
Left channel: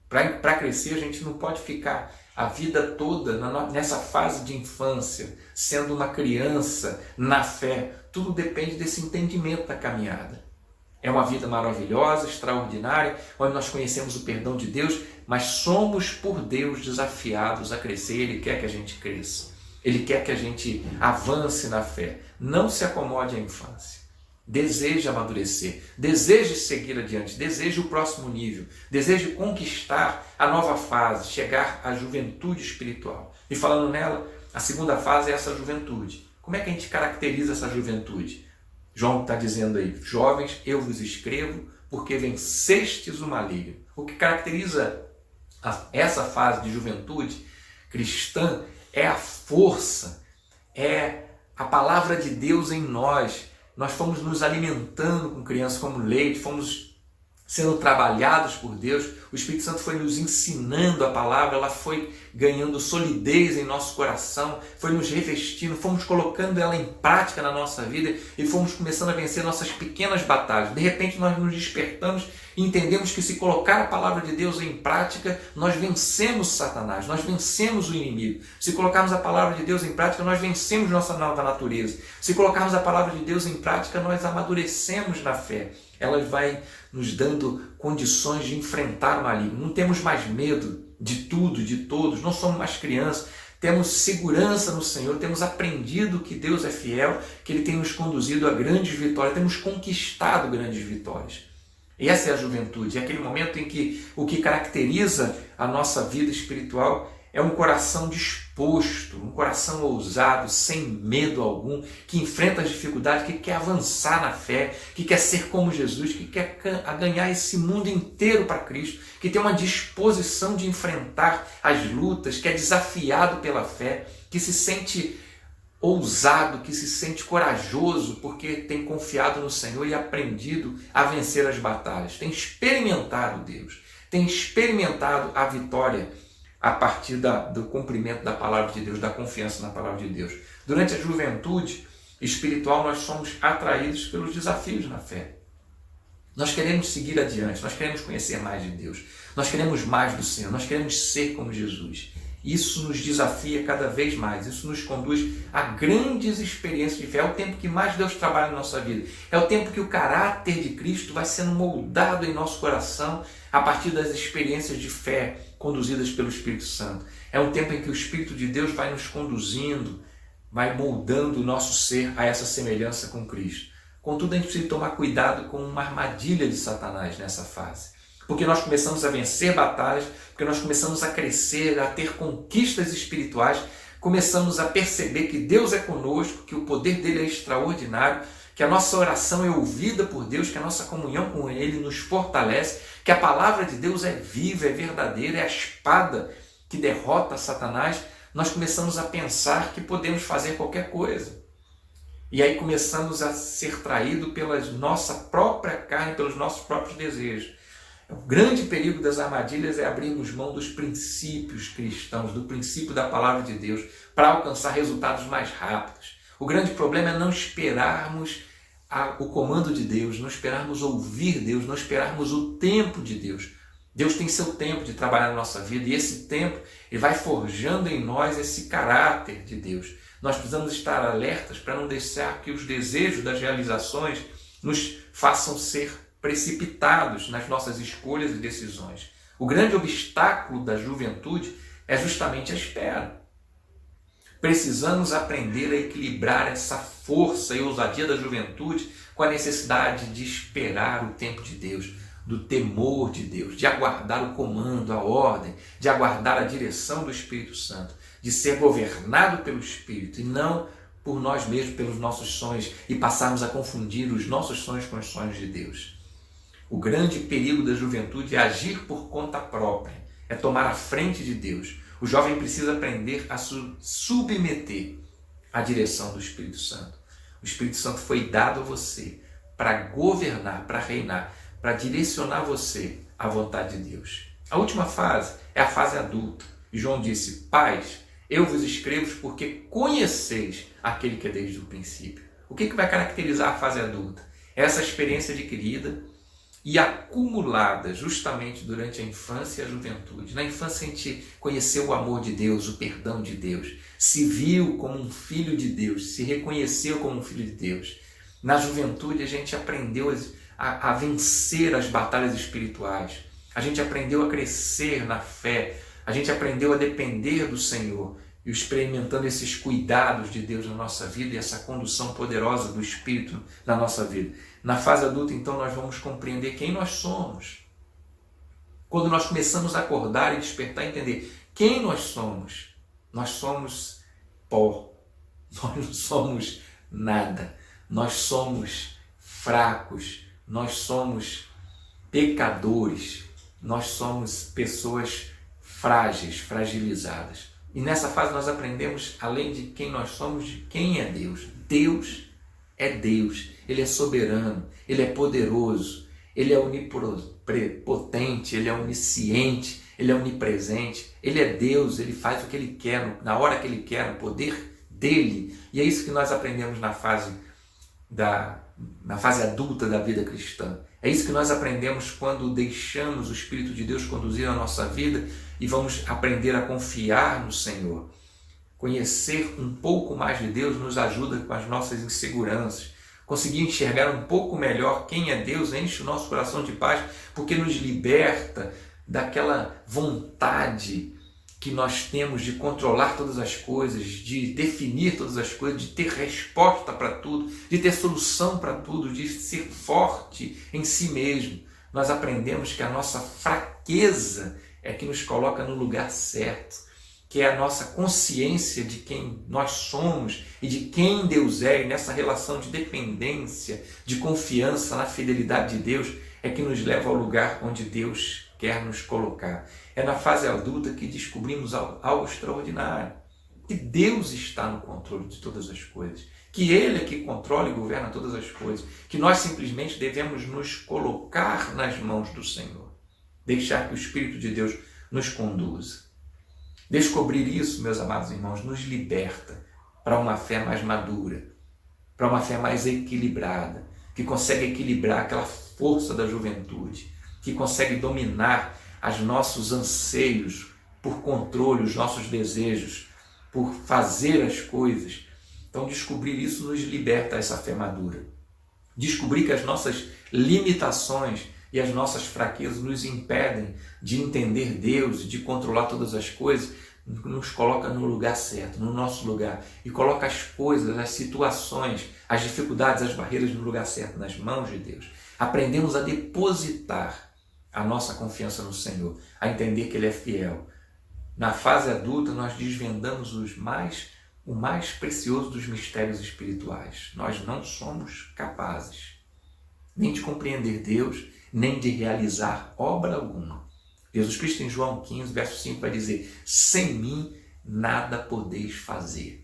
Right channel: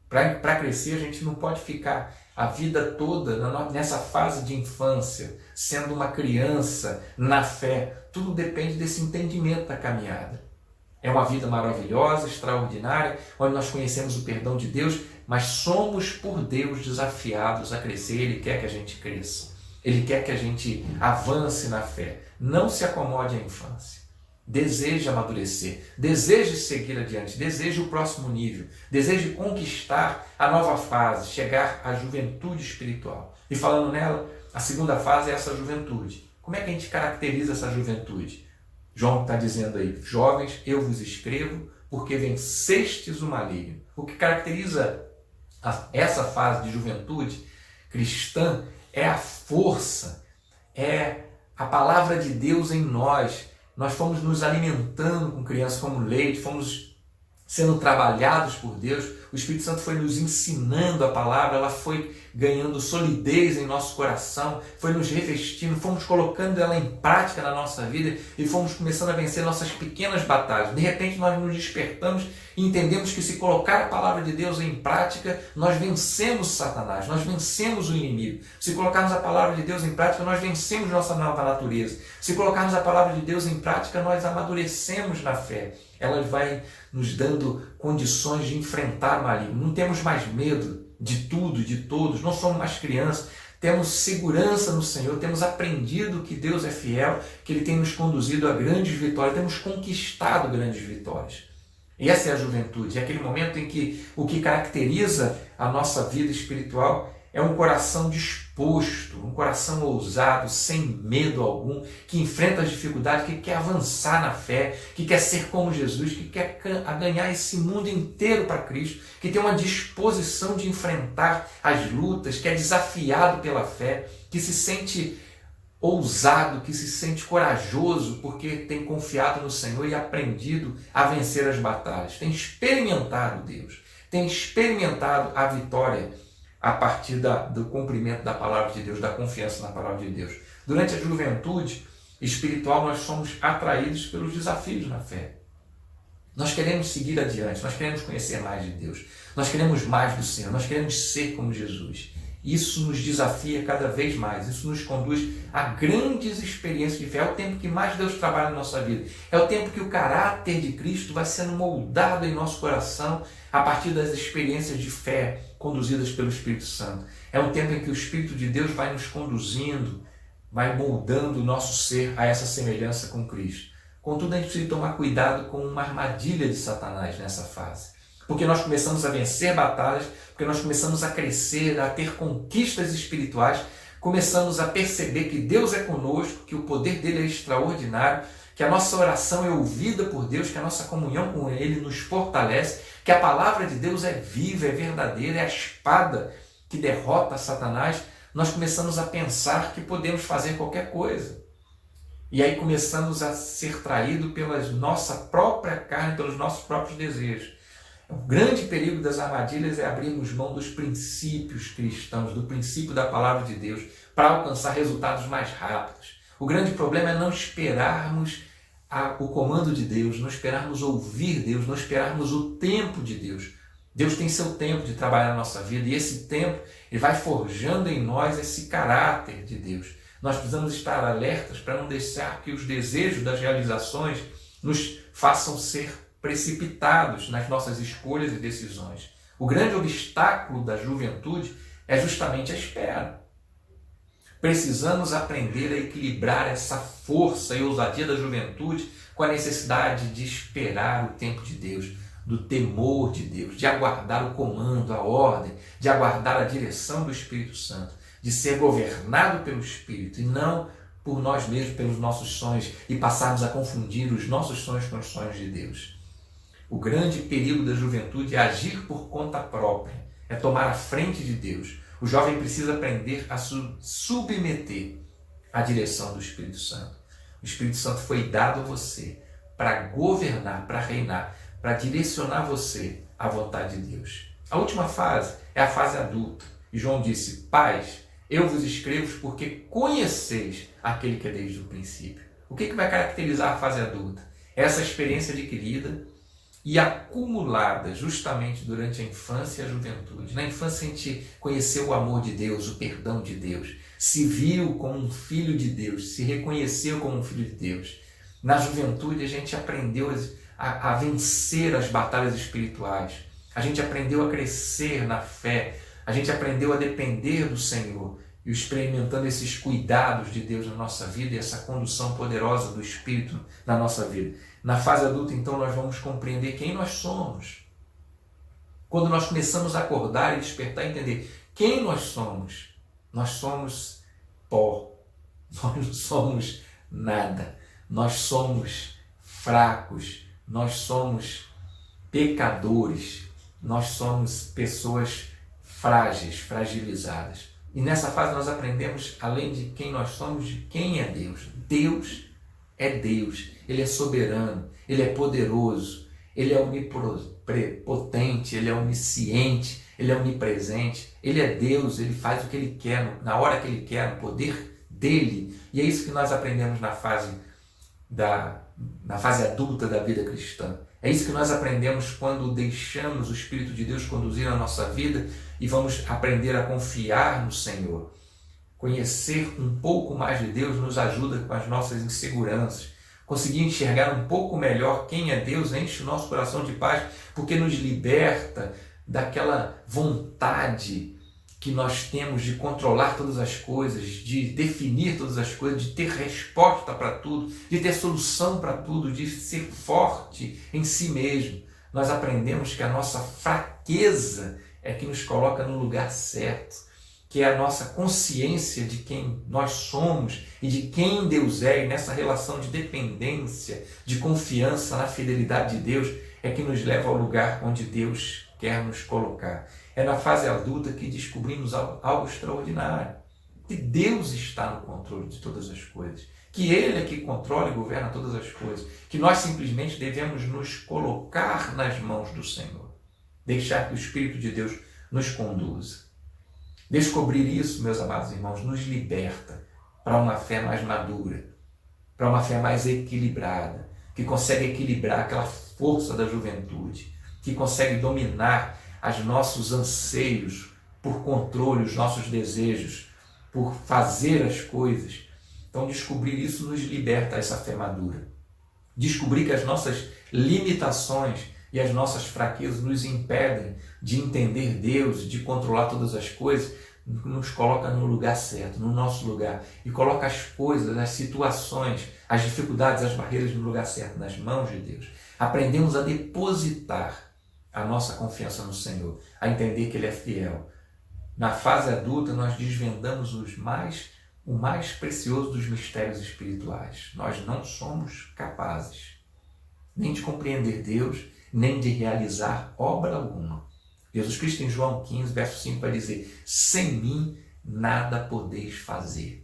Para crescer, a gente não pode ficar a vida toda nessa fase de infância, sendo uma criança na fé. Tudo depende desse entendimento da caminhada. É uma vida maravilhosa, extraordinária, onde nós conhecemos o perdão de Deus, mas somos por Deus desafiados a crescer. Ele quer que a gente cresça. Ele quer que a gente avance na fé. Não se acomode à infância. Deseje amadurecer, deseje seguir adiante, deseje o próximo nível, deseje conquistar a nova fase, chegar à juventude espiritual. E falando nela, a segunda fase é essa juventude. Como é que a gente caracteriza essa juventude? João está dizendo aí: jovens, eu vos escrevo porque vencestes o maligno. O que caracteriza essa fase de juventude cristã é a força, é a palavra de Deus em nós. Nós fomos nos alimentando com crianças como leite, fomos sendo trabalhados por Deus, o Espírito Santo foi nos ensinando a palavra, ela foi ganhando solidez em nosso coração, foi nos revestindo, fomos colocando ela em prática na nossa vida e fomos começando a vencer nossas pequenas batalhas. De repente nós nos despertamos e entendemos que se colocar a palavra de Deus em prática, nós vencemos Satanás, nós vencemos o inimigo. Se colocarmos a palavra de Deus em prática, nós vencemos nossa nova natureza. Se colocarmos a palavra de Deus em prática, nós amadurecemos na fé. Ela vai nos dando condições de enfrentar o maligno. Não temos mais medo de tudo, de todos, não somos mais crianças, temos segurança no Senhor, temos aprendido que Deus é fiel, que Ele tem nos conduzido a grandes vitórias, temos conquistado grandes vitórias. E essa é a juventude, é aquele momento em que o que caracteriza a nossa vida espiritual é um coração disposto, um coração ousado, sem medo algum, que enfrenta as dificuldades, que quer avançar na fé, que quer ser como Jesus, que quer ganhar esse mundo inteiro para Cristo, que tem uma disposição de enfrentar as lutas, que é desafiado pela fé, que se sente ousado, que se sente corajoso, porque tem confiado no Senhor e aprendido a vencer as batalhas, tem experimentado Deus, tem experimentado a vitória a partir do cumprimento da palavra de Deus, da confiança na palavra de Deus. Durante a juventude espiritual, nós somos atraídos pelos desafios na fé. Nós queremos seguir adiante, nós queremos conhecer mais de Deus, nós queremos mais do Senhor, nós queremos ser como Jesus. Isso nos desafia cada vez mais, isso nos conduz a grandes experiências de fé. É o tempo que mais Deus trabalha na nossa vida, é o tempo que o caráter de Cristo vai sendo moldado em nosso coração a partir das experiências de fé conduzidas pelo Espírito Santo. É um tempo em que o Espírito de Deus vai nos conduzindo, vai moldando o nosso ser a essa semelhança com Cristo. Contudo, a gente precisa tomar cuidado com uma armadilha de Satanás nessa fase. Porque nós começamos a vencer batalhas, porque nós começamos a crescer, a ter conquistas espirituais, começamos a perceber que Deus é conosco, que o poder dele é extraordinário, que a nossa oração é ouvida por Deus, que a nossa comunhão com Ele nos fortalece, que a palavra de Deus é viva, é verdadeira, é a espada que derrota Satanás. nós começamos a pensar que podemos fazer qualquer coisa. E aí começamos a ser traídos pela nossa própria carne, pelos nossos próprios desejos. O grande perigo das armadilhas é abrirmos mão dos princípios cristãos, do princípio da palavra de Deus, para alcançar resultados mais rápidos. O grande problema é não esperarmos o comando de Deus, não esperarmos ouvir Deus, não esperarmos o tempo de Deus. Deus tem seu tempo de trabalhar na nossa vida e esse tempo ele vai forjando em nós esse caráter de Deus. Nós precisamos estar alertas para não deixar que os desejos das realizações nos façam ser precipitados nas nossas escolhas e decisões. O grande obstáculo da juventude é justamente a espera. Precisamos aprender a equilibrar essa força e ousadia da juventude com a necessidade de esperar o tempo de Deus, do temor de Deus, de aguardar o comando, a ordem, de aguardar a direção do Espírito Santo, de ser governado pelo Espírito e não por nós mesmos, pelos nossos sonhos, e passarmos a confundir os nossos sonhos com os sonhos de Deus. O grande perigo da juventude é agir por conta própria, é tomar a frente de Deus. O jovem precisa aprender a se submeter à direção do Espírito Santo. O Espírito Santo foi dado a você para governar, para reinar, para direcionar você à vontade de Deus. A última fase é a fase adulta. E João disse: Pais, eu vos escrevo porque conheceis aquele que é desde o princípio. O que vai caracterizar a fase adulta? Essa experiência adquirida e acumulada justamente durante a infância e a juventude. Na infância a gente conheceu o amor de Deus, o perdão de Deus, se viu como um filho de Deus, se reconheceu como um filho de Deus. Na juventude a gente aprendeu a vencer as batalhas espirituais, a gente aprendeu a crescer na fé, a gente aprendeu a depender do Senhor e experimentando esses cuidados de Deus na nossa vida e essa condução poderosa do Espírito na nossa vida. Na fase adulta, então, nós vamos compreender quem nós somos. Quando nós começamos a acordar e despertar e entender quem nós somos pó, nós não somos nada, nós somos fracos, nós somos pecadores, nós somos pessoas frágeis, fragilizadas. E nessa fase nós aprendemos, além de quem nós somos, de quem é Deus. Deus é Deus, Ele é soberano, Ele é poderoso, Ele é onipotente, Ele é onisciente, Ele é onipresente, Ele é Deus, Ele faz o que Ele quer, na hora que Ele quer, no poder dEle. E é isso que nós aprendemos na fase adulta da vida cristã. É isso que nós aprendemos quando deixamos o Espírito de Deus conduzir a nossa vida e vamos aprender a confiar no Senhor. Conhecer um pouco mais de Deus nos ajuda com as nossas inseguranças. Conseguir enxergar um pouco melhor quem é Deus enche o nosso coração de paz, porque nos liberta daquela vontade que nós temos de controlar todas as coisas, de definir todas as coisas, de ter resposta para tudo, de ter solução para tudo, de ser forte em si mesmo. Nós aprendemos que a nossa fraqueza é que nos coloca no lugar certo, que é a nossa consciência de quem nós somos e de quem Deus é, e nessa relação de dependência, de confiança na fidelidade de Deus, é que nos leva ao lugar onde Deus quer nos colocar. É na fase adulta que descobrimos algo extraordinário, que Deus está no controle de todas as coisas, que Ele é que controla e governa todas as coisas, que nós simplesmente devemos nos colocar nas mãos do Senhor, deixar que o Espírito de Deus nos conduza. Descobrir isso, meus amados irmãos, nos liberta para uma fé mais madura, para uma fé mais equilibrada, que consegue equilibrar aquela força da juventude, que consegue dominar os nossos anseios por controle, os nossos desejos, por fazer as coisas. Então, descobrir isso nos liberta essa fé madura. Descobrir que as nossas limitações e as nossas fraquezas nos impedem de entender Deus, de controlar todas as coisas, nos coloca no lugar certo, no nosso lugar, e coloca as coisas, as situações, as dificuldades, as barreiras no lugar certo, nas mãos de Deus. Aprendemos a depositar a nossa confiança no Senhor, a entender que Ele é fiel. Na fase adulta, nós desvendamos o mais precioso dos mistérios espirituais. Nós não somos capazes nem de compreender Deus, nem de realizar obra alguma. Jesus Cristo, em João 15, verso 5, vai dizer: sem mim nada podeis fazer.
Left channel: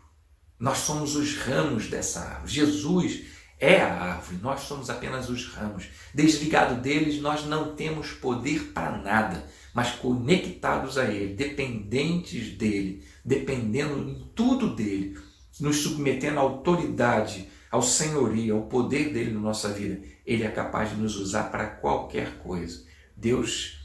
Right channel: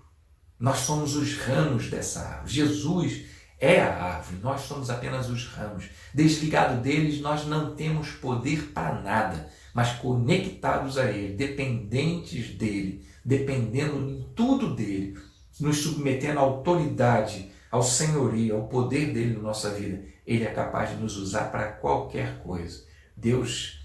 Nós somos os ramos dessa árvore. Jesus é a árvore, nós somos apenas os ramos. Desligado deles, nós não temos poder para nada, mas conectados a Ele, dependentes dEle, dependendo em tudo dEle, nos submetendo à autoridade, ao senhorio, ao poder dEle na nossa vida. Ele é capaz de nos usar para qualquer coisa. Deus,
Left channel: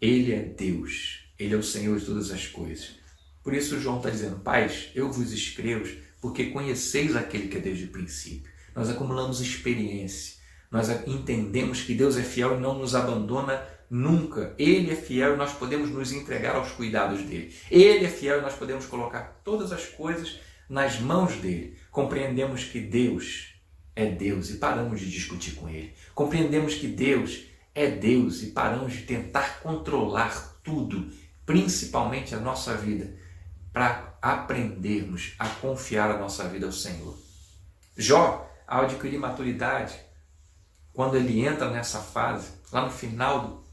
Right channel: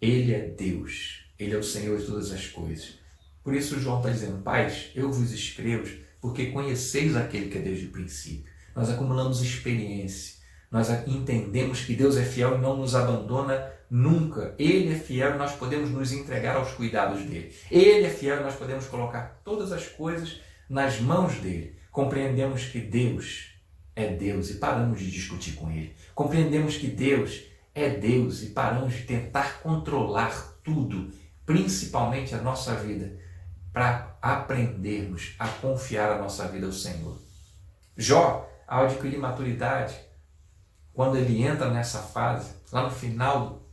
Ele é Deus, Ele é o Senhor de todas as coisas. Por isso João está dizendo: pais, eu vos escrevo porque conheceis aquele que é desde o princípio. Nós acumulamos experiência, nós entendemos que Deus é fiel e não nos abandona nunca. Ele é fiel e nós podemos nos entregar aos cuidados dele. Ele é fiel e nós podemos colocar todas as coisas nas mãos dele. Compreendemos que Deus é Deus e paramos de discutir com ele. Compreendemos que Deus é Deus e paramos de tentar controlar tudo, principalmente a nossa vida, para aprendermos a confiar a nossa vida ao Senhor. Jó, ao adquirir maturidade, quando ele entra nessa fase, lá no final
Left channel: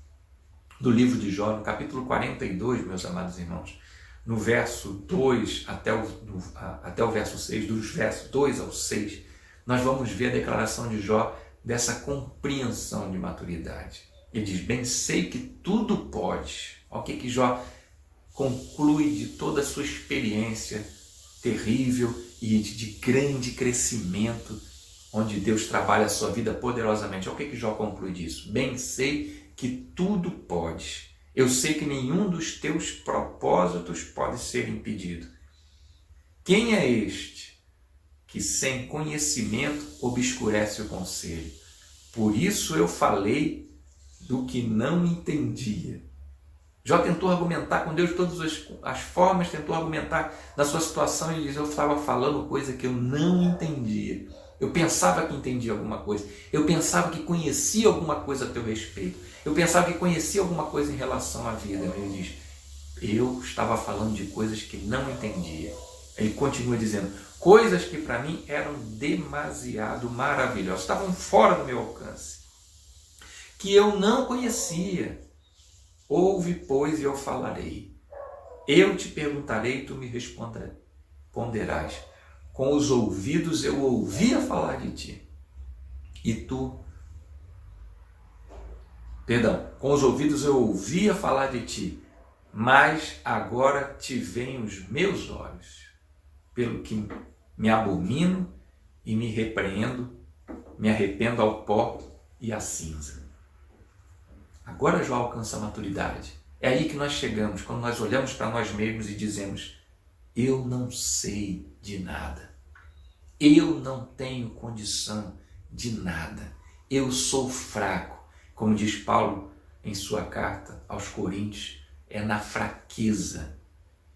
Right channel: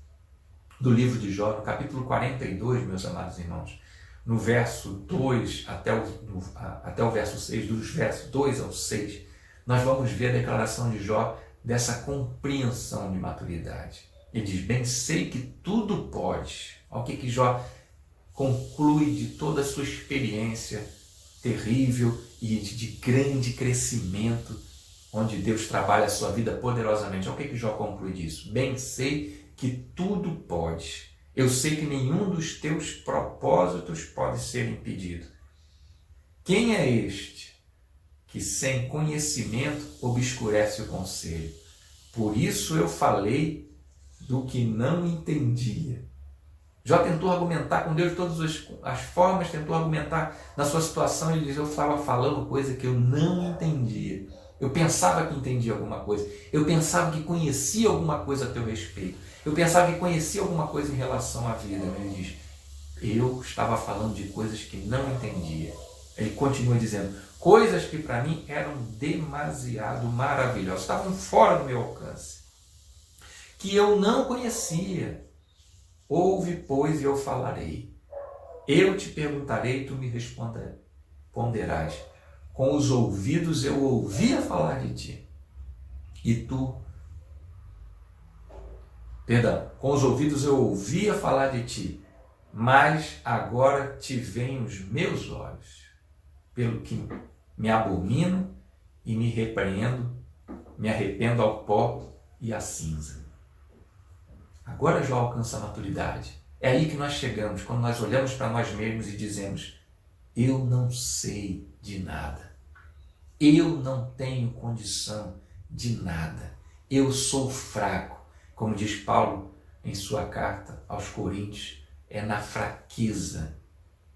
do livro de Jó, no capítulo 42, meus amados irmãos, no verso 2 até o verso 6, dos versos 2 ao 6, nós vamos ver a declaração de Jó dessa compreensão de maturidade. Ele diz: bem sei que tudo pode. Olha o que Jó conclui de toda a sua experiência terrível e de grande crescimento, onde Deus trabalha a sua vida poderosamente. Olha o que Jó conclui disso: bem sei que tudo pode. Eu sei que nenhum dos teus propósitos pode ser impedido. Quem é este que sem conhecimento obscurece o conselho? Por isso eu falei do que não entendia. Jó tentou argumentar com Deus de todas as formas, tentou argumentar na sua situação. Ele diz: eu estava falando coisa que eu não entendia. Eu pensava que entendia alguma coisa. Eu pensava que conhecia alguma coisa a teu respeito. Eu pensava que conhecia alguma coisa em relação à vida. Ele diz: eu estava falando de coisas que não entendia. Ele continua dizendo: coisas que para mim eram demasiado maravilhosas, estavam fora do meu alcance, que eu não conhecia. Ouve, pois, e eu falarei. Eu te perguntarei e tu me responderás. Com os ouvidos eu ouvia falar de ti. Com os ouvidos eu ouvia falar de ti, mas agora te veem os meus olhos, pelo que me abomino e me repreendo, me arrependo ao pó e à cinza. Agora Jó alcança a maturidade. É aí que nós chegamos, quando nós olhamos para nós mesmos e dizemos: eu não sei de nada. Eu não tenho condição de nada. Eu sou fraco. Como diz Paulo em sua carta aos Coríntios, é na fraqueza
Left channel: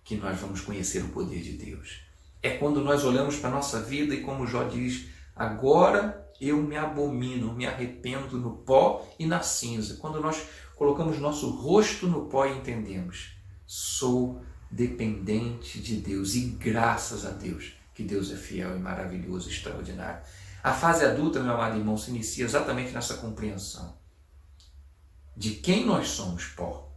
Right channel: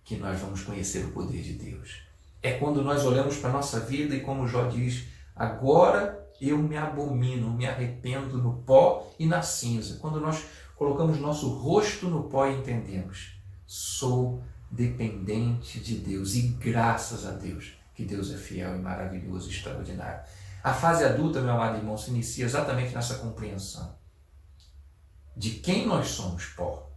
que nós vamos conhecer o poder de Deus. É quando nós olhamos para a nossa vida e, como Jó diz, agora eu me abomino, me arrependo no pó e na cinza. Quando nós colocamos nosso rosto no pó e entendemos: sou dependente de Deus e graças a Deus que Deus é fiel e maravilhoso e extraordinário. A fase adulta, meu amado irmão, se inicia exatamente nessa compreensão de quem nós somos, pó,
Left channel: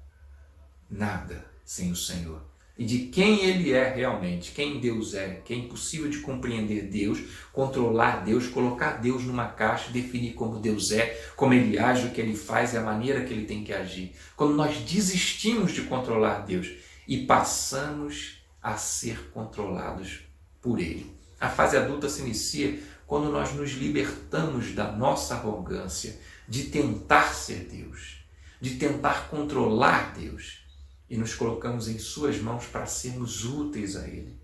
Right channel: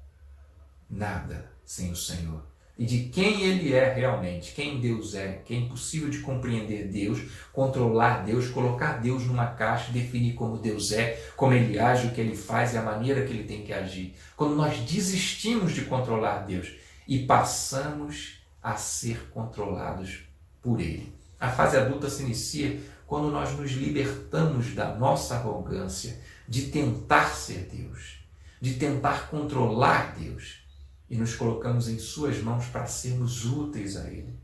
nada sem o Senhor, e de quem Ele é realmente, quem Deus é, que é impossível de compreender Deus, controlar Deus, colocar Deus numa caixa, definir como Deus é, como Ele age, o que Ele faz e a maneira que Ele tem que agir. Quando nós desistimos de controlar Deus e passamos a ser controlados por Ele. A fase adulta se inicia quando nós nos libertamos da nossa arrogância de tentar ser Deus, de tentar controlar Deus, e nos colocamos em suas mãos para sermos úteis a Ele.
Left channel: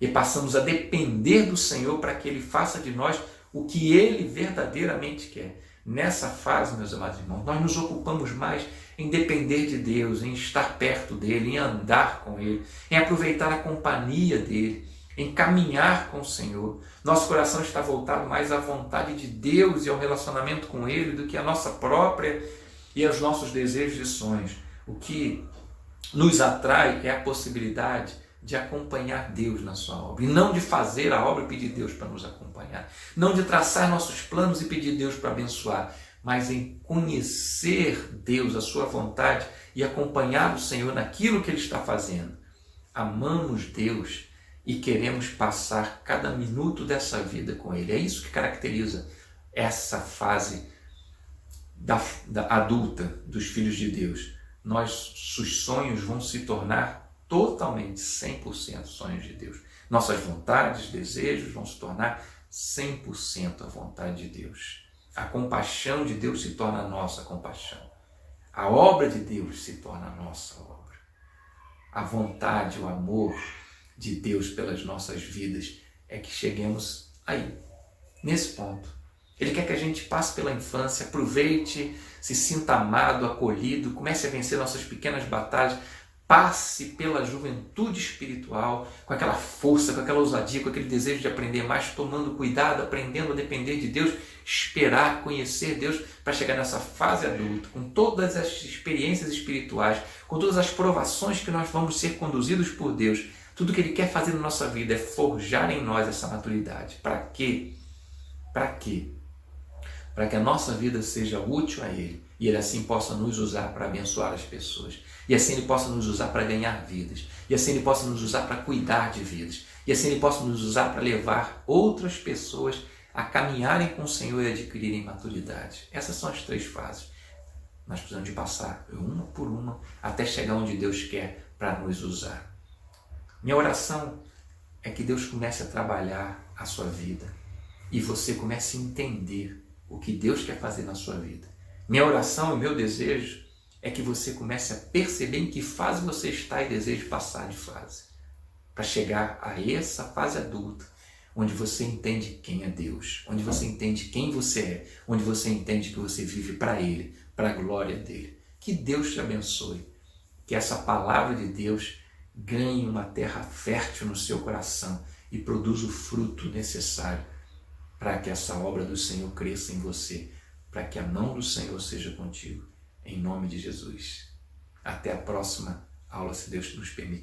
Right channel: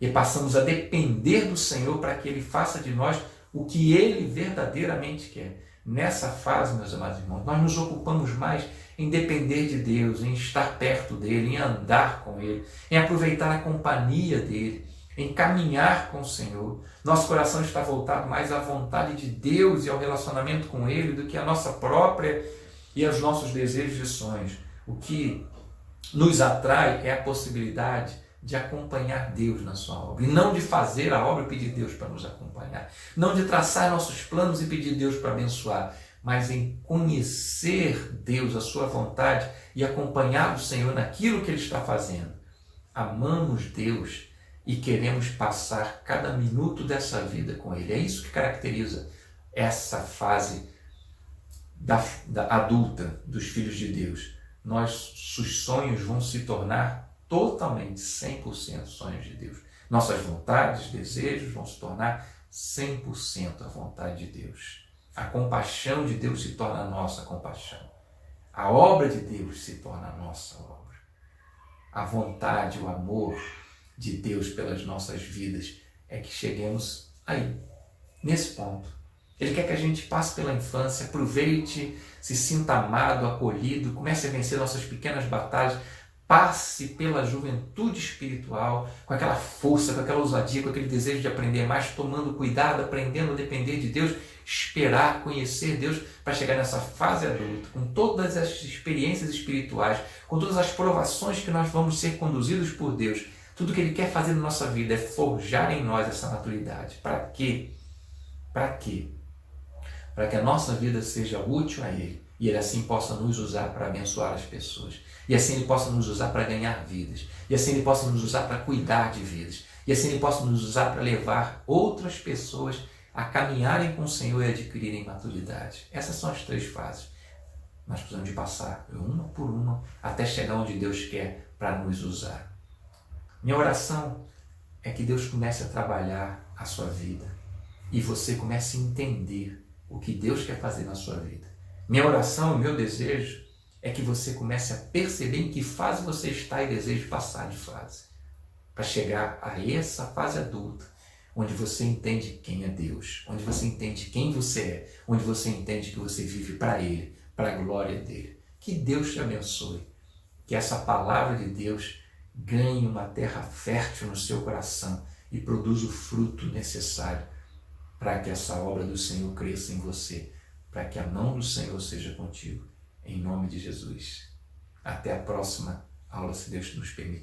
E passamos a depender do Senhor para que Ele faça de nós o que Ele verdadeiramente quer. Nessa fase, meus amados irmãos, nós nos ocupamos mais em depender de Deus, em estar perto dEle, em andar com Ele, em aproveitar a companhia dEle, em caminhar com o Senhor. Nosso coração está voltado mais à vontade de Deus e ao relacionamento com Ele do que à nossa própria e aos nossos desejos e sonhos. O que nos atrai é a possibilidade de acompanhar Deus na sua obra, e não de fazer a obra e pedir Deus para nos acompanhar, não de traçar nossos planos e pedir Deus para abençoar, mas em conhecer Deus, a sua vontade, e acompanhar o Senhor naquilo que Ele está fazendo. amamos Deus e queremos passar cada minuto dessa vida com Ele. É isso que caracteriza essa fase da adulta dos filhos de Deus. Nossos sonhos vão se tornar totalmente 100% sonhos de Deus. Nossas vontades, desejos vão se tornar 100% a vontade de Deus. A compaixão de Deus se torna a nossa compaixão. A obra de Deus se torna a nossa obra. A vontade, o amor de Deus pelas nossas vidas é que cheguemos aí, nesse ponto. Ele quer que a gente passe pela infância, aproveite, se sinta amado, acolhido, comece a vencer nossas pequenas batalhas, passe pela juventude espiritual com aquela força, com aquela ousadia, com aquele desejo de aprender mais, tomando cuidado, aprendendo a depender de Deus, esperar, conhecer Deus para chegar nessa fase adulta, com todas as experiências espirituais, com todas as provações que nós vamos ser conduzidos por Deus. Tudo que Ele quer fazer na nossa vida é forjar em nós essa maturidade. Para quê? Para quê? Para que a nossa vida seja útil a Ele e Ele assim possa nos usar para abençoar as pessoas. E assim Ele possa nos usar para ganhar vidas. E assim Ele possa nos usar para cuidar de vidas. E assim Ele possa nos usar para levar outras pessoas a caminharem com o Senhor e adquirirem maturidade. Essas são as 3 fases. Nós precisamos de passar uma por uma até chegar onde Deus quer para nos usar. Minha oração é que Deus comece a trabalhar a sua vida e você comece a entender o que Deus quer fazer na sua vida. Minha oração e meu desejo é que você comece a perceber em que fase você está e deseje passar de fase, para chegar a essa fase adulta, onde você entende quem é Deus, onde você entende quem você é, onde você entende que você vive para Ele, para a glória dEle. Que Deus te abençoe, que essa palavra de Deus ganhe uma terra fértil no seu coração e produza o fruto necessário para que essa obra do Senhor cresça em você, para que a mão do Senhor seja contigo. Em nome de Jesus. Até a próxima aula, se Deus nos permitir.